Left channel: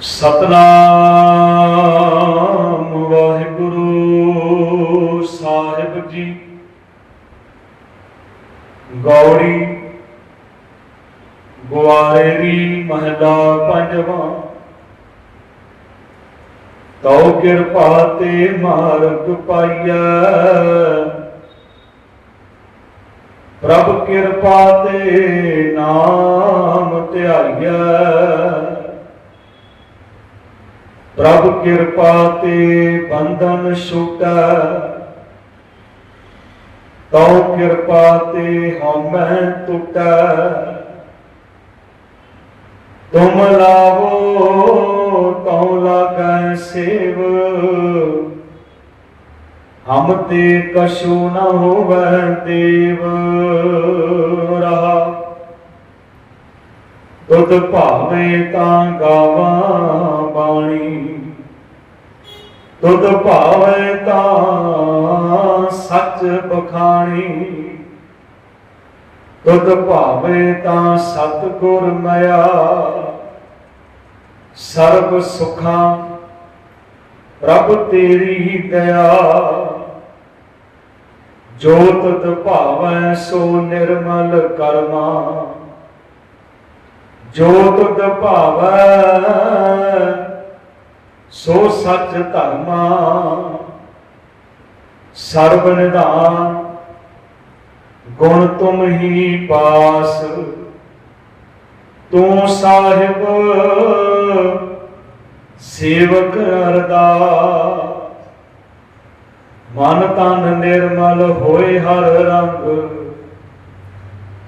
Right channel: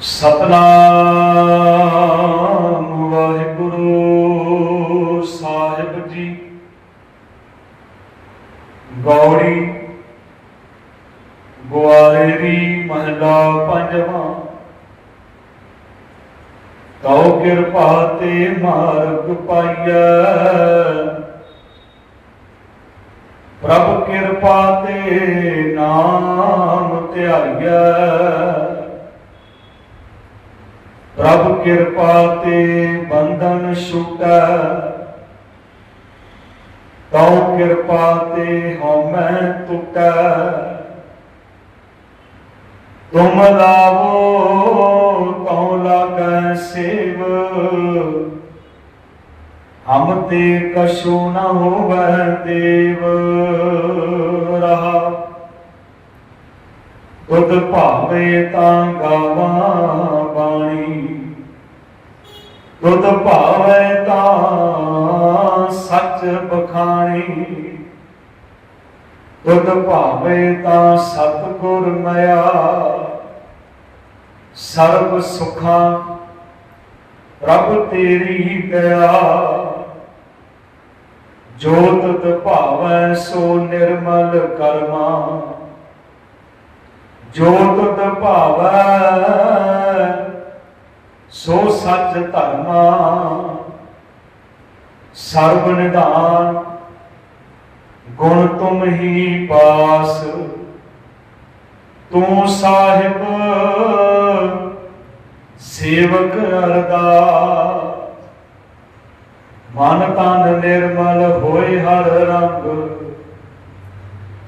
ਸਤਨਾਮ ਵਾਹਿਗੁਰੂ ਸਾਹਿਬ ਜੀ। ਗੌੜੀ ਗੁਆਰੇ ਦੀ ਮਹਲਾ ਪੰਜਵਾਂ। ਕਉ ਕਿਰਪਾ ਤੇ ਮਾਰਗ ਪਾਈਐ। ਪ੍ਰਭ ਕਿਰਪਾ ਤੇ ਨਾਮ ਧਿਆਈਐ। ਪ੍ਰਭ ਕਿਰਪਾ ਤੇ ਬੰਧਨ ਛੁਟੈ। ਤਉ ਕਿਰਪਾ ਤੇ ਹਉਮੈ ਟੁਟੈ। ਤੁਮ ਲਾਵੋ, ਤਉ ਲਾਗੈ ਸੇਵ। ਹਮ ਤੇ ਕਛੂ ਨ ਹੋਵੈ ਦੇਵ। ਰਹਾ। ਤੁਧ ਭਾਵੇ ਤਾਂ ਗਾਵਾਂ ਬਾਣੀ। ਤੁਧ ਭਾਵੇ ਤਾਂ ਸੱਚ ਬਖਾਣੀ ਤੁਧ ਭਾਵੇ ਤਾਂ ਸਤਿਗੁਰ ਮਿਆ। ਸਰਬ ਸੁਖਾਂ ਪ੍ਰਭ ਤੇਰੀ ਦਇਆ। ਜੋਤ ਤੁਧ ਭਾਵੈ ਸੋ ਨਿਰਮਲ ਕਰਮਾ। ਜੋਤ ਤੁਧ ਭਾਵੈ ਸੋ ਸੱਚ ਧਰਮਾ, ਸਰਬ ਨਿਧਾਨ ਗੁਣ ਤੁਮ ਹੀ ਪਾਸ। ਤੂੰ ਸਾਹਿਬ, ਸੇਵਕ ਅਰਦਾਸ। ਮਨ ਤਨ ਨਿਰਮਲ ਹੋਏ ਹਰ ਰੰਗ।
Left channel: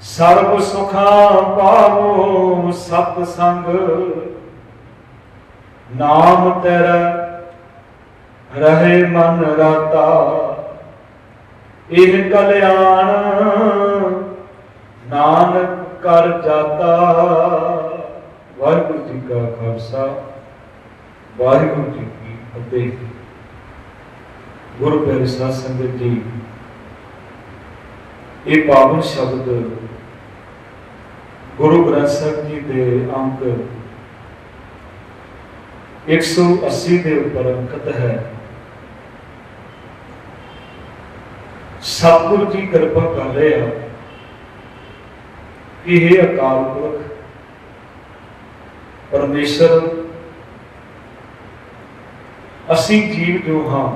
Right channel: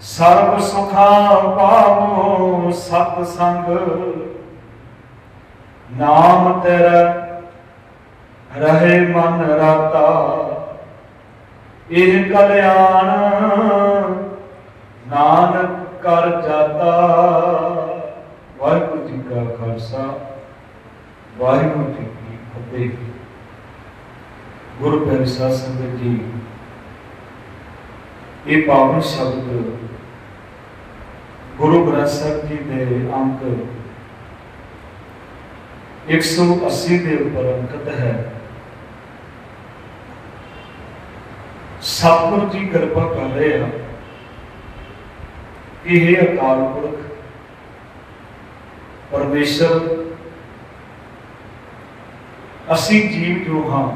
ਸਰਬ ਸੁਖਾਂ ਪਾਵੋ ਸਤ ਸੰਗ ਨਾਮ ਤੇਰਾ ਰਹੇ ਮਨ ਰਾਤਾ। ਇਹ ਕਲਿਆਣ ਨਾਨਕ ਕਰ ਜਾਤਾ। ਵਾਹਿਗੁਰੂ ਜੀ ਕਾ ਖਾਲਸਾ, ਵਾਹਿਗੁਰੂ ਜੀ ਕੀ ਫਤਿਹ। ਗੁਰੂ ਪਿਆਰੇ ਸਾਧ ਸੰਗਤ ਜੀ, ਇਹ ਪਾਵਨ ਸ਼ਬਦ ਗੁਰੂ ਗ੍ਰੰਥ ਸਾਹਿਬ ਜੀ ਦੇ ਅੰਕ 180 ਦੇ ਉੱਪਰ ਅੰਕਿਤ ਹੈ। ਸਤਿਗੁਰੂ ਜੀ ਕਿਰਪਾ ਕਰ ਰਹੇ ਆ ਕਿ ਇਹ ਅਕਾਲ ਪੁਰਖ, ਪਰਮੇਸ਼ਰ, ਅਸੀਂ ਜੀਵ ਜੋ ਹਾਂ,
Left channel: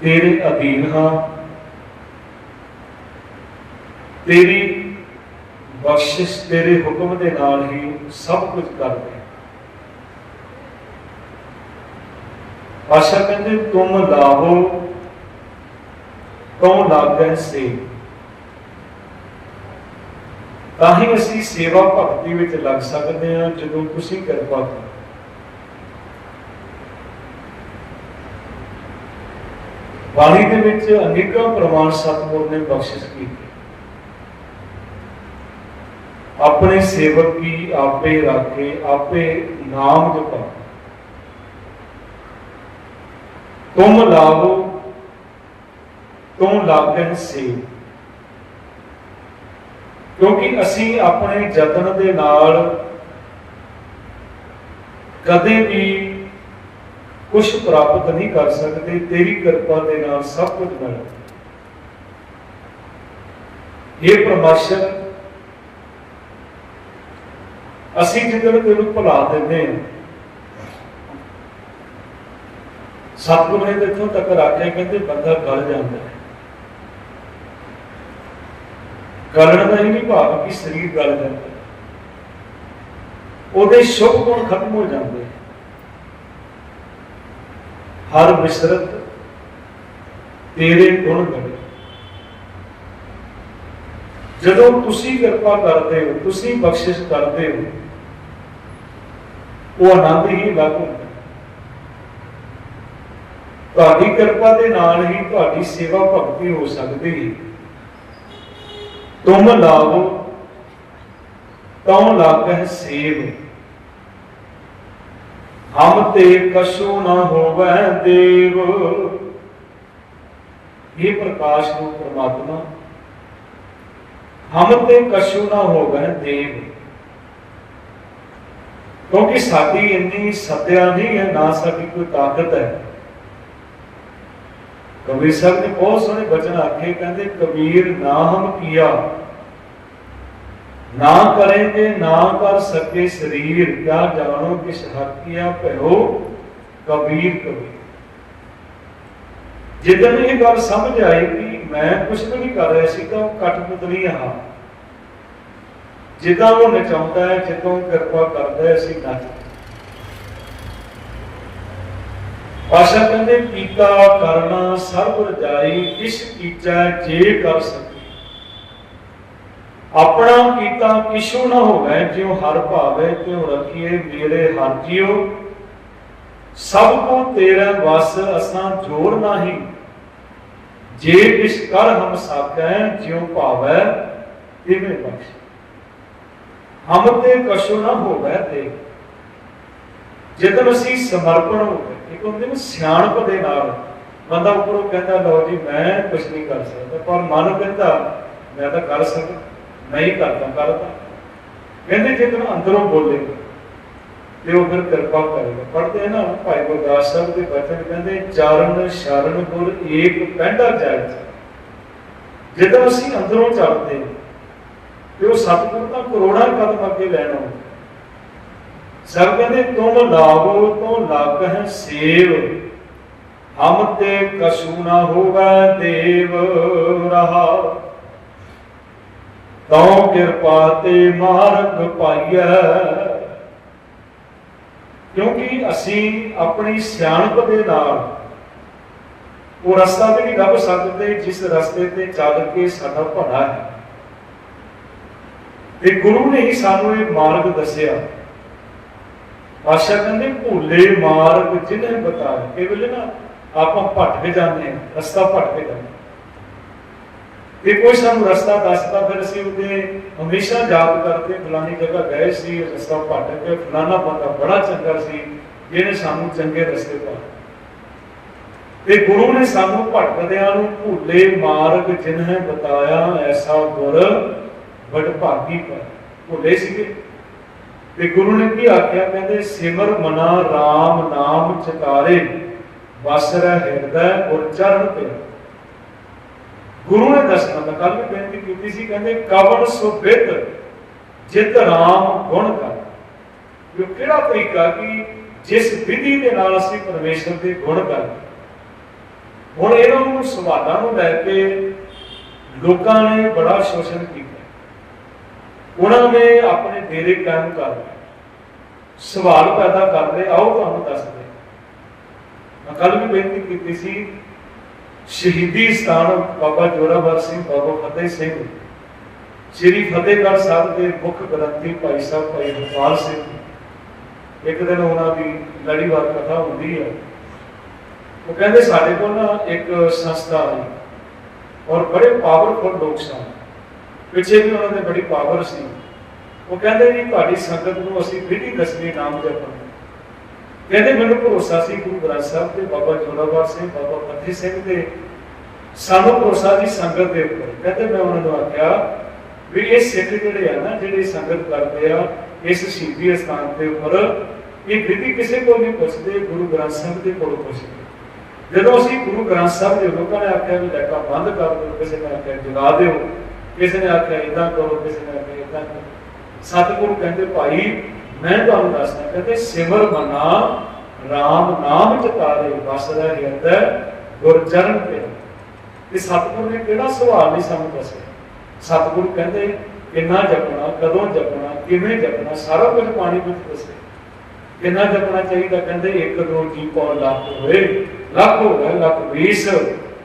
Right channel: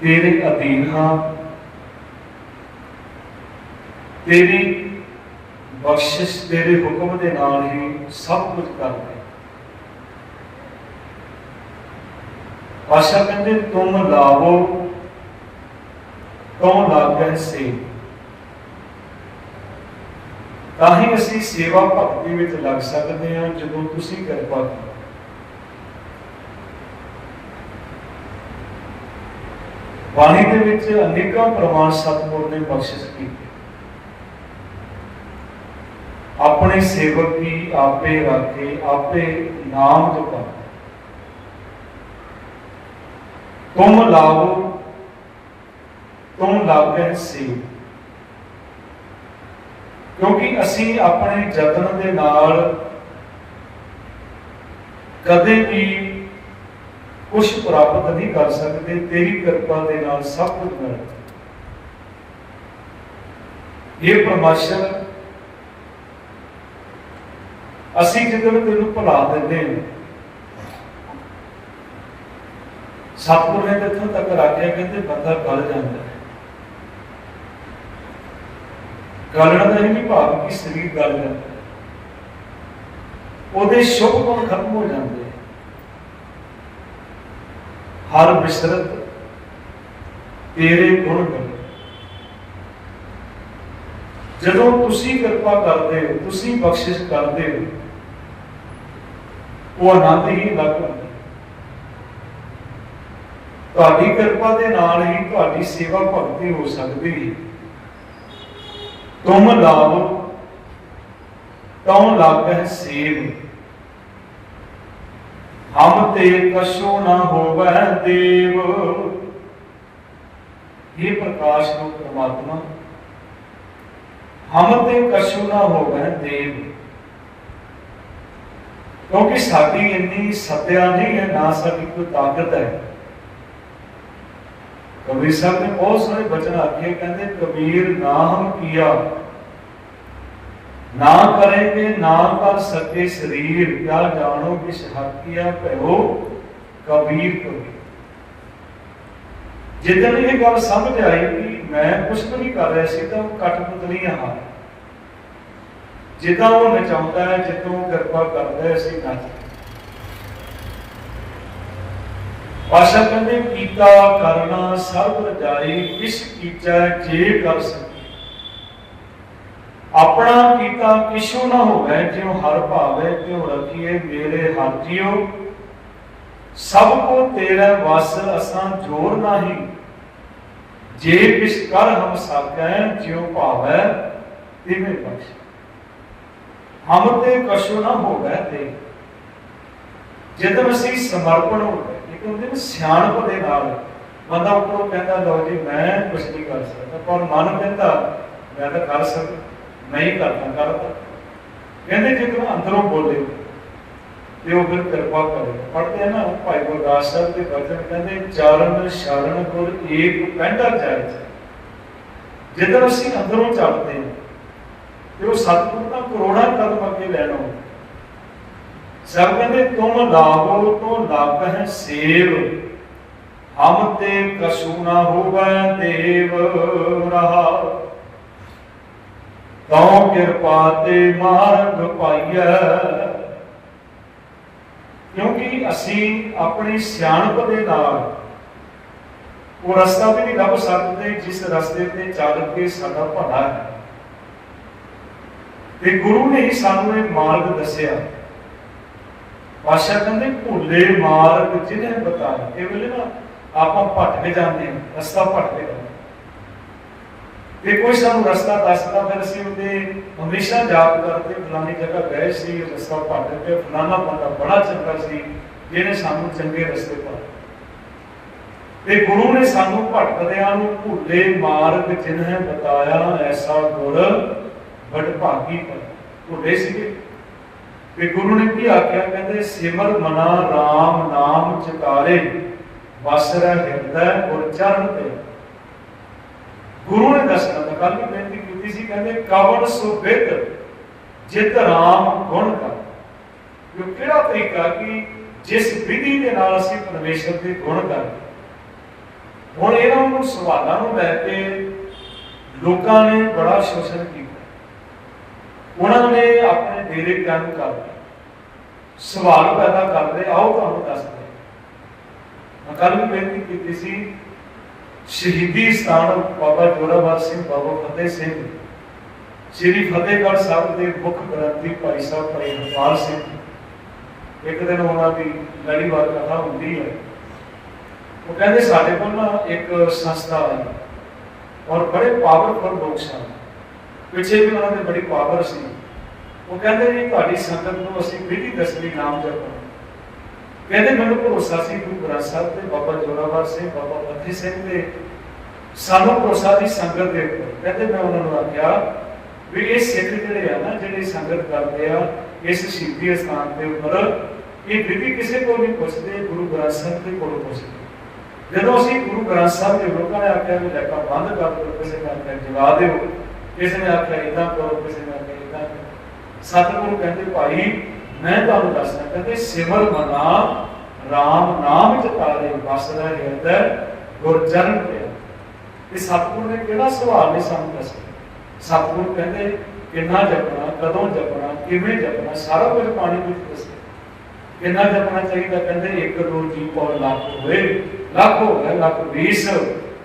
ਤੇਰੇ ਅਧੀਨ ਹਾਂ, ਤੇਰੀ ਬਖਸ਼ਿਸ਼, ਤੇਰੇ ਹੁਕਮ ਦੇ ਨਾਲ ਹੀ ਸਭ ਕੁਝ ਕਰਦੇ ਹਾਂ। ਆਸ਼ਾ ਕਹਿੰਦੇ ਤੁਮ ਲਾਵੋ ਲਾਗੈ ਸੇ? ਤਾਂ ਹੀ ਅਸੀਂ ਸੇਵਾ ਭਗਤੀ ਵਿੱਚ ਲੱਗ ਸਕਦੇ ਹਾਂ ਜਦੋਂ ਤੁਸੀਂ ਕਿਰਪਾ ਕਰੋ। ਬਾਣੀ ਦੇ ਵਿੱਚ ਅਨੇਕਾਂ ਪ੍ਰਮਾਣ ਸਤਿਗੁਰ ਨੇ ਬਖਸ਼ਿਸ਼ ਕੀਤੀ। ਆਪਣੇ ਸੇਵਕ ਕੀ ਆਪੇ ਰਾਖੇ, ਆਪੇ ਨਾਮ ਜਪਾ। ਤੁਮ ਲਾਵੋ ਤੁਮ ਲਾਗਨ ਸੇ ਕਿਉਂਕਿ ਅਸੀਂ ਆਪਣੇ ਯਤਨ ਦੇ ਨਾਲ ਕਦੇ ਵੀ ਕੁਝ ਪ੍ਰਾਪਤ ਨਹੀਂ ਕਰ ਸਕਦੇ, ਤੇਰੀ ਕਿਰਪਾ ਦੇ ਨਾਲ ਸਭ ਕੁਝ ਮਿਲਦਾ ਇਹ ਪਰਮਾਸ਼ਰ ਅਸੀਂ ਜਦੋਂ ਤੈਨੂੰ ਭੁਲਾ ਦਿੰਦੇ ਹਾਂ ਸਤਿਗੁਰ ਨੇ ਤੇ ਇੱਥੋਂ ਤੱਕ ਰੱਖਿਆ ਕਹਿੰਦੇ ਬੰਦਾ ਗਲ ਜਾਂਦਾ ਹੈ। ਗਲਣ ਦਾ ਇਹ ਨਹੀਂ ਭਾਵ ਕਿ ਸਰੀਰ ਗਲ ਜਾਂਦਾ ਉਹਦੇ ਸ਼ੁਭ ਗੁਣ ਖਤਮ ਹੋ ਜਾਂਦੇ ਹਰ ਬਿਸਰਤ ਤੇਰੇ ਗੁਣ ਗਣੇ ਜਦੋਂ ਤੁਸੀਂ ਕਿਰਪਾ ਕਰਦੇ ਹੋ, ਤੁਸੀਂ ਬਖਸ਼ਿਸ਼ ਕਰਦੇ ਹੋ, ਉਹ ਆਨੰਦ ਹੀ ਲੱਗ ਹੁੰਦਾ ਤੁਹਾਡੀ ਕਿਰਪਾ ਦੇ ਨਾਲ ਹੀ ਤੁਹਾਡੀ ਸੇਵਾ ਭਗਤੀ ਹੋ ਸਕਦੀ ਹੈ। ਤੁਮ ਲਾਵੋ, ਤਉ ਲਾਗਹਿ ਸੇਵ। ਹਮ ਤੇ ਕਸ਼ੂ ਨ ਹੋਵੈ ਦੇਵ। ਇਹ ਪ੍ਰਕਾਸ਼ ਨੂੰ ਪਰਮਾਤਮਾ। ਹਮ ਤੇ ਕਛੂ ਨ ਹੋਵੈ ਦੇਵ। ਕਿਉਂਕਿ ਸਾਡੀ ਇੰਨੀ ਸੱਤਿਆ ਨਹੀਂ ਹੈ, ਨਾ ਸਾਡੀ ਕੋਈ ਤਾਕਤ ਹੈ। ਕਬੀਰ ਸਾਹਿਬ ਨੇ ਬਹੁਤ ਸੋਹਣੇ ਬਚਨ ਆਖੇ, ਕਹਿੰਦੇ, ਕਬੀਰ, ਨਾ ਹਮ ਕੀਆ। ਨਾ ਕरेंगे ਨਾ ਕਰ ਸਕੇ ਸਰੀਰ। ਕਿਆ ਜਾਣੋ ਕਿਸ ਹੱਕੀਆਂ ਭਇਓ ਕਬੀਰ ਕਬੀਰ। ਜਿੱਦਣ ਇਹ ਗੱਲ ਸਮਝ ਆਈ ਕਿ ਮੈਂ ਕੁਝ ਵੀ ਨਹੀਂ ਕਰ ਰਿਹਾ ਸੀ, ਤਾਂ ਉਹ ਕਠਪੁਤਲੀ ਹਾਂ ਜਿੱਦਾਂ ਉਹ ਨਚਾਉਂਦਾ ਹੈ, ਜਦੋਂ ਉਹ ਕਿਰਪਾ ਕਰਦਾ ਹੈ, ਅਸੀਂ ਨੱਚ ਪਾਸ਼ਾ ਕਹਿੰਦੇ ਕੀਤਾ ਕਰਨਾ ਸਭ ਰਜਾਈ, ਕਿਸ ਕੀਚੈ ਜੇ ਕਰ ਸਕੇ ਆਪਣਾ ਕੀਤਾ ਕਿਛੂ ਨਾ ਹੋਵੇ, ਜਿਉ ਹਰ ਭਾਵੇ ਕਿਉ ਰਖੀਏ ਮੇਰੇ ਹਰ ਜੀਉ। ਸਭ ਕੋ ਤੇਰਾ ਵਸ ਅਸਾਂ ਜੋਰ ਨਹੀਂ। ਜੇ ਕਿਛ ਕਰ ਹਮ ਸਾਕੈ ਜਿਉ ਭਾਵੈ ਤਿਵੇਂ ਬਖਸ਼। ਹਮ ਤੇ ਕਛੂ ਨਾ ਹੋਵੇ ਤੇ ਜਦੋਂ ਅਸੀਂ ਸਮਰਪਣ ਹੋ ਗਏ ਇੱਕ ਹੁੰਦੇ ਨੇ ਸਿਆਣਪ ਦੇ ਨਾਲ। ਬੰਦਾ ਉੱਪਰੋਂ ਕਹਿੰਦਾ, ਲਓ ਜੀ, ਮੈਂ ਕੁਝ ਨਹੀਂ ਕਰ ਸਕਦਾ। ਪਰ ਮਨ ਕਹਿੰਦਾ, ਮੈਂ ਤਾਂ ਕਰ ਸਕਦਾ। ਮੈਂ ਕਰਦਾ ਕਰਦਾ। ਕਹਿੰਦੇ ਜਦੋਂ ਅੰਦਰੋਂ ਬੋਲੇ, ਤੇ ਉਹ ਫਿਰ ਕਿਰਪਾ ਕਰੇਗਾ। ਪੜਦੇ ਆ ਨਾ, ਭਾਈ ਗੁਰਦਾਸ ਸਾਹਿਬ ਦੇ ਬਚਨ ਕਹਿੰਦੇ, ਚਰਨ ਸ਼ਰਨ ਗੁਰ ਏਕ ਪੈਂਡਾ ਜਾਏ ਜਦੋਂ ਅਸੀਂ ਅੰਦਰੋਂ ਚੱਲਦੇ ਤੇ ਉਹ ਸਤਿਗੁਰ ਦਾ ਕਰੋੜਾਂ ਕਦਮ ਅੱਗੇ ਲੈਣਾ ਸਭ ਕਹਿੰਦੇ, ਤੁਮ ਲਾਗੋ ਤੋਂ ਲੱਗ ਹੈ ਸੇਵ, ਹਮ ਤੇ ਕਸੂ ਨਾ ਹੋਵੇ ਦੇਵ ਰਹਾ। ਤਉ ਕਿਰਪਾ ਤੇ ਮਾਰਗ ਪਾਈਐ। ਕਿਉਂਕਿ ਅਸੀਂ ਆਪਣੀ ਸਿਆਣਪ ਦੇ ਨਾਲ ਉਹ ਰਸਤਾ ਤੇ ਨਹੀਂ ਲੱਭ ਸਕਦੇ, ਜਿਸ ਰਸਤੇ ਤੇ ਚੱਲ ਕੇ ਸਾਡਾ ਭਲਾ ਹੈ। ਤੇ ਗੁਰੂ ਨੇ ਹੀ ਸਾਨੂੰ ਇਹ ਮਾਰਗ ਦੱਸਿਆ। ਪਾਸ਼ਾ ਕਹਿੰਦੇ ਭੁੱਲੇ ਮਾਰਗ ਜਿਹਨੇ ਬਤਾਇਆ ਇਹ ਵੇਲੇ ਨਾ ਆਪਾਂ ਭਟਕ ਜਾਂਦੇ ਹਾਂ, ਰਸਤਾ ਭਟਕ ਜਾਂਦੇ ਤੇ ਕੋਈ ਸਾਨੂੰ ਰਸਤਾ ਦੱਸਦਾ ਫਿਰ ਅਸੀਂ ਉਹਦੇ ਹਮੇਸ਼ਾ ਯਾਦ ਕਰਦੇ ਫਲਾਨੀ ਜਗ੍ਹਾ ਗਏ ਸੀ, ਰਸਤਾ ਭਟਕ ਗਿਆ ਫਲਾਨਾ ਬੰਦਾ ਬੜਾ ਚੰਗਾ ਸੀ, ਜਿਹਨੇ ਸਾਨੂੰ ਚੰਗੇ ਰਸਤੇ ਪਾ ਤੇ ਗੁਰੂ ਨੇ ਸਾਨੂੰ ਭਟਕਦਿਆਂ ਨੂੰ ਭੁੱਲੇ ਮਾਰਗ ਜਿਨ੍ਹਾਂ ਬਤਾਇਆ, ਐਸਾ ਗੁਰ ਬੜ ਭਾਗੀ ਪਰ ਭੁੱਲੇ ਸੀਗੇ। ਤੇ ਗੁਰੂ ਨੇ ਕੀ ਆਖਿਆ? ਕਹਿੰਦੇ, ਸਿਮਰ ਮਨਾ RAM ਨਾਮ ਚਿਤਾਰੇ, ਵਸ ਰਹਿ ਹਿਰਦੈ ਔਰ ਚਰਨ ਤੇ। ਗੁਰੂ ਨੇ ਦੱਸਣਾ ਤਾਂ ਕੱਲ ਵੀ ਬੇਨਤੀ ਕੀਤੀ ਸੀ, ਕਹਿੰਦੇ, ਕਵਣ ਸੁਬਿਤ ਜਿਤ ਰਾਮ ਗੁਣ ਕਰ। ਜੋ ਕਿਹੜਾ ਤਰੀਕਾ ਕਿ ਜਿਸ ਵਿਧੀ ਦੇ ਨਾਲ ਅਸੀਂ ਪਰਮੇਸ਼ਰ ਦੇ ਗੁਣ ਕਰ ਹੁਣ ਇਹਨਾਂ ਨੂੰ ਸਵਾਲਾਂ ਨੂੰ ਲੈ ਕੇ ਲੋਕਾਂ ਨੇ ਬੜਾ ਸ਼ੋਸ਼ਣ ਕੀਤਾ। ਉਹਨਾਂ ਨੇ ਆਪਣੇ ਡੇਰੇ ਕਾਇਮ ਕਰ ਸਵਾਲ ਪੈਦਾ ਕਰਦੇ ਆਓ ਤੁਹਾਨੂੰ ਦੱਸਦੇ ਮੈਂ ਕੱਲ ਵੀ ਬੇਨਤੀ ਕੀਤੀ ਸੀ, ਸ਼ਹੀਦੀ ਸਥਾਨ ਬਾਬਾ ਜੋਰਾਵਰ ਸਿੰਘ, ਬਾਬਾ ਫਤਿਹ ਸਿੰਘ। ਸ੍ਰੀ ਫਤਿਹਗੜ੍ਹ ਸਾਹਿਬ ਦੇ ਮੁੱਖ ਗ੍ਰੰਥੀ ਭਾਈ ਸਾਹਿਬ ਭਾਈ ਹਰਪਾਲ ਸਿੰਘ। ਇੱਕ ਦਿਨ ਉਹਨਾਂ ਦੀ ਲੜੀਵਾਰ ਕਥਾ ਹੁੰਦੀ ਹੈ। ਉਹ ਕਹਿੰਦੇ, ਸਾਡੇ ਕੋਲ ਨਾ ਇੱਕ ਸੰਸਥਾ ਆਈ। ਔਰ ਬੜੇ ਪਾਵਰਫੁਲ ਲੋਕ ਸਨ। ਪਿੱਛੇ ਵੀ ਉਹਨਾਂ ਦੇ ਬੜੀ ਪਾਵਰ ਸੀ। ਉਹ ਕਹਿੰਦੇ ਜੀ, ਤੁਹਾਡੀ ਸੰਗਤ ਨੂੰ ਅਸੀਂ ਵਿਧੀ ਦੱਸਣੀ ਨਾਮ ਜਪਣ ਕਹਿੰਦੇ, ਮੈਨੂੰ ਭਰੋਸਾ ਸੀ ਗੁਰੂ ਗ੍ਰੰਥ ਸਾਹਿਬ ਤੇ ਬਾਬਾ ਜੋਰਾਵਰ ਸਿੰਘ, ਬਾਬਾ ਫਤਿਹ ਸਿੰਘ ਦੇ। ਸਾਨੂੰ ਭਰੋਸਾ ਦੀ ਸੰਗਤ ਦੇ ਉੱਪਰ। ਕਹਿੰਦੇ, ਮੈਂ ਉਹਨਾਂ ਨੂੰ ਆਖਿਆ ਵੀ ਇਹ ਸਿੱਖ ਜਿਹੜੇ ਆ ਨਾ, ਜਿਹੜੇ ਸੰਗਤ ਕਰਦੇ ਆ, ਇਸ ਸ਼ਹੀਦੀ ਸਥਾਨ ਦੇ ਉੱਪਰ, ਇਹ ਵਿਧੀ ਕਿਸੇ ਕੋਲ ਨਹੀਂ ਪੁੱਛਦੇ, ਗੁਰੂ ਗ੍ਰੰਥ ਸਾਹਿਬ ਦੇ ਕੋਲ ਪੁੱਛਦੇ। ਜਦੋਂ ਅਸੀਂ ਗੁਰੂ ਗ੍ਰੰਥ ਸਾਹਿਬ ਦੇ ਲੋਕਾਂ ਨੇ ਆਖਿਆ ਵੀ ਲੈਕਾ ਬੰਦ ਕਰ ਦਿਓ, ਕਿਸੇ ਨੇ ਜਲਾ ਦਿਓ ਕਿਸੇ ਨੇ ਆਖਿਆ ਇਦਾਂ ਕਰੋ, ਕਿਸੇ ਨੇ ਆਖਿਆ ਇਦਾਂ ਕਰੋ। ਸਤਿਗੁਰੂ ਕਹਿੰਦੇ, ਭਾਈ, ਮੈਂ ਤੁਹਾਨੂੰ ਦੱਸਦਾ, ਕਹਿੰਦੇ, ਸਿਮਰ ਮਨਾ RAM ਨਾਮ ਚਤਾਰੇ ਵਸ ਹਿਰਦੈ ਗੁਰ ਤੇ। ਤੇ ਸਤਿਗੁਰੂ ਨੇ ਕਿਹੜਾ ਸਵਾਲ ਨਹੀਂ ਸਾਨੂੰ ਦੱਸਿਆ? ਸਤਿਗੁਰੂ ਕਹਿੰਦੇ, ਕਿੰਨਾ ਜਪਣਾ, ਕਦੋਂ ਜਪਣਾ, ਕਿਵੇਂ ਜਪਣਾ, ਸਾਰਾ ਕੁਝ ਪਾਣੀ ਵਿੱਚ ਦੱਸਿਆ। ਕਿੰਨਾ ਜਪਣਾ ਚਾਹੀਦਾ? ਕਹਿੰਦੇ, ਇੱਕ ਦੋ ਜੀ ਪੌ ਲੱਖ ਹੋਵੇ ਲੱਖ ਹੋਵੇ ਲੱਖ 20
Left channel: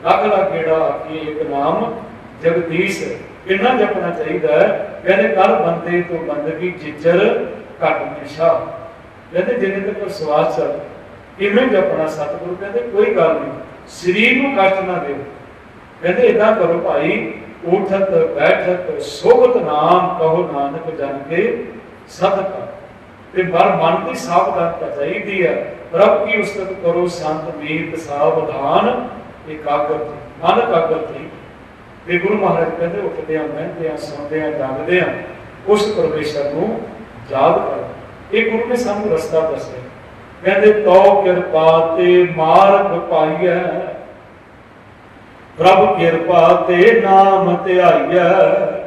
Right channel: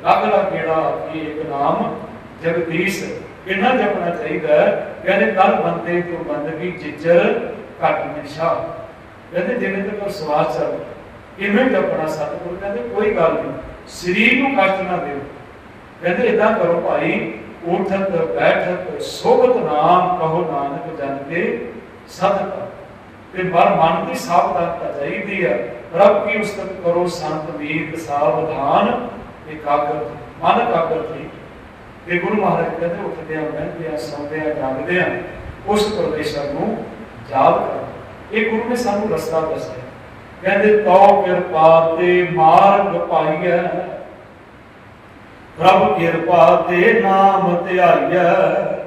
ਲੱਖ ਲੱਖ ਕਿਹੜਾ ਆਖੀ ਇੱਕ ਨਾਮ ਜਗਦੀਸ਼ ਕਿੰਨਾ ਜਪਣਾ ਚਾਹੀਦਾ ਕਹਿੰਦੇ ਕੱਲ ਬੰਦੇ ਤੋਂ ਬੰਦਗੀ, ਜਿੱਜਰ, ਘਟ ਨਿਸ਼ਾ। ਕਹਿੰਦੇ ਜਿੰਨੇ ਤੱਕ ਸਵਾਸ ਚੱਲ ਕਿਵੇਂ ਜਪਣਾ ਸਤਿਗੁਰੂ, ਕਹਿੰਦੇ ਕੋਈ ਗੱਲ ਨਹੀਂ, ਸਰੀਰ ਨੂੰ ਕਸ਼ਟ ਨਾ ਦਿਓ। ਕਹਿੰਦੇ ਇਦਾਂ ਕਰੋ ਭਾਈ, ਉਠਤ, ਬੈਠਤ, ਸੋਭਤ ਨਾਮ ਕਹੋ ਨਾਨਕ ਜਨ ਕੇ ਸਤਿ ਤੇ ਮਰ ਮਨ ਦੀ ਸਾਵਧਾਨਤਾ ਚਾਹੀਦੀ ਹੈ ਪ੍ਰਭ ਕੀ ਉਸਤਤ ਕਰੋ ਸੰਤ ਮੀਤ ਸਾਵਧਾਨ ਇਕਾਗਰ ਮਨ ਇਕਾਗਰ ਤੇ ਤੇ ਗੁਰੂ ਮਹਾਰਾਜ ਕਹਿੰਦੇ, ਉੱਠਦੇ ਆ ਮਹਿੰਦੇ ਆ, ਸੌਂਦੇ ਆ, ਜਾਗਦੇ ਆ, ਉਸ ਪਰਮੇਸ਼ਰ ਨੂੰ ਯਾਦ ਕਰੋ। ਇਹ ਗੁਰੂ ਨੇ ਸਾਨੂੰ ਰਸਤਾ ਦੱਸਿਆ। ਕਹਿੰਦੇ, ਤੋ ਕਿਰਪਾ ਤੇ ਮਾਰਗ ਪਾਈਐ। ਪ੍ਰਭ ਕਿਰਪਾ ਤੇ ਨਾਮ ਧਿਆਈਐ।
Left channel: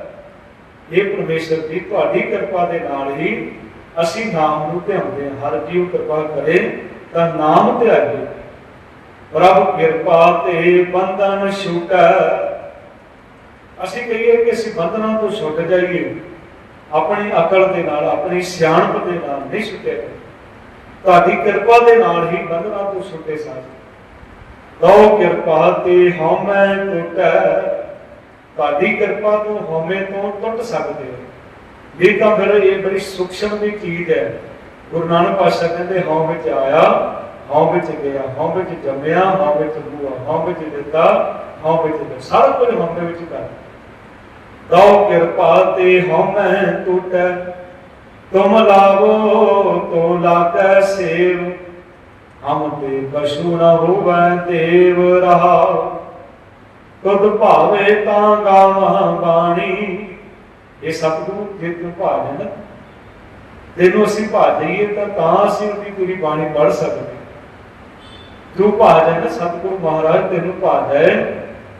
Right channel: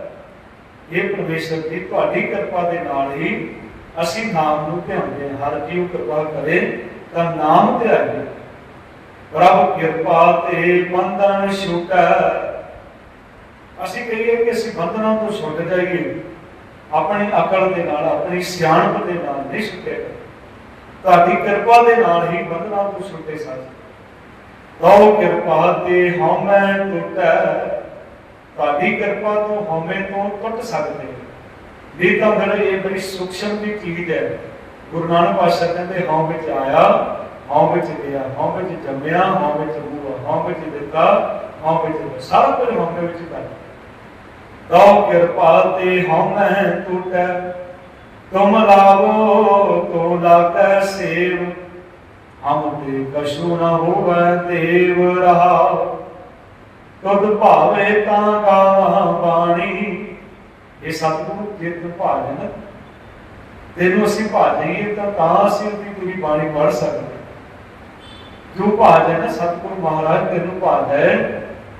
ਇਹ ਪਰਮੇਸ਼ਰ ਦੀ ਤੁਹਾਡੀ ਕਿਰਪਾ ਦੇ ਨਾਲ ਹੀ ਅਸੀਂ ਨਾਮ ਨੂੰ ਧਿਆਉਂਦੇ ਹਾਂ। ਹਰ ਜੀਵ ਕਿਰਪਾ ਕਰੇ ਤਾਂ ਨਾਮ ਧਿਆਈਏ। ਪ੍ਰਭ ਕਿਰਪਾ ਤੇ ਬੰਧਨ ਛੁਟੈ। ਅਸੀਂ ਕਹੀਏ ਕਿ ਅਸੀਂ ਬੰਧਨਾਂ ਤੋਂ ਛੁੱਟ ਜਾਈਏ। ਆਪਣੀ ਅਕਲ ਦੇ ਨਾਲ, ਆਪਣੀ ਸਿਆਣਪ ਦੇ ਨਾਲ ਨਹੀਂ ਛੁੱਟਿਆ। ਤੁਹਾਡੀ ਕਿਰਪਾ ਦੇ ਨਾਲ ਹੀ ਬੰਧਨਾਂ ਤੋਂ ਛੁੱਟੇ ਸਾਂ। ਤੋ ਕਿਰਪਾ ਤੇ ਹਉਮੈ ਟੁੱਟੈ। ਤੁਹਾਡੀ ਕਿਰਪਾ ਤੋਂ, ਹਉਮੈ ਤੋਂ ਟੁੱਟ ਸਕਦੇ ਨਹੀਂ ਤਾਂ ਫਿਰ ਇਹ ਬੜੀ ਸੂਖਸ਼ਮ ਦੀ ਚੀਜ਼ ਹੈ। ਗੁਰੂ ਨਾਨਕ ਪਾਤਸ਼ਾਹ ਕਹਿੰਦੇ, ਹਉ ਵਿੱਚ ਆਇਆ, ਹਉ ਵਿੱਚ ਗਿਆ, ਹਉ ਵਿੱਚ ਜੰਮਿਆ, ਹਉ ਵਿੱਚ ਬੂਆ ਹਉ ਵਿੱਚ ਦਿੱਤਾ, ਹਉ ਵਿੱਚ ਸਾਰਾ ਕੁਝ ਹਉਮੈ ਵਿੱਚ ਕਰਦਾ ਤਉ ਕਿਰਪਾ ਤੇ ਹਉਮੈ ਟੁੱਟੈ, ਤੁਮ ਲਾਵੋ, ਤੋ ਲਾਕੈ ਸੇਵ। ਹਮ ਤੇ ਕਛੂ ਨ ਹੋਵੈ ਦੇਵ ਰਹਾ ਤੁਧ ਭਾਵੇ ਤਾਂ ਗਾਵਾਂ ਬਾਣੀ। ਇਹ ਸਤਿਗੁਰੂ ਜੇ ਤੂੰ ਭਾਵੇਂ ਤੈਨੂੰ ਅਸੀਂ ਭਾ ਜਾਈਏ ਤਾਂ ਤਾਂ ਅਸੀਂ ਉਹਦੀ ਪੂਰੀ ਬਾਣੀ ਪੜ੍ਹ ਸਕਦੇ ਤੂੰ ਭਾ ਨਾ, ਸਤਿਗੁਰੂ ਮਹਾਰਾਜ ਤੈਨੂੰ ਭਾ ਜਾਏ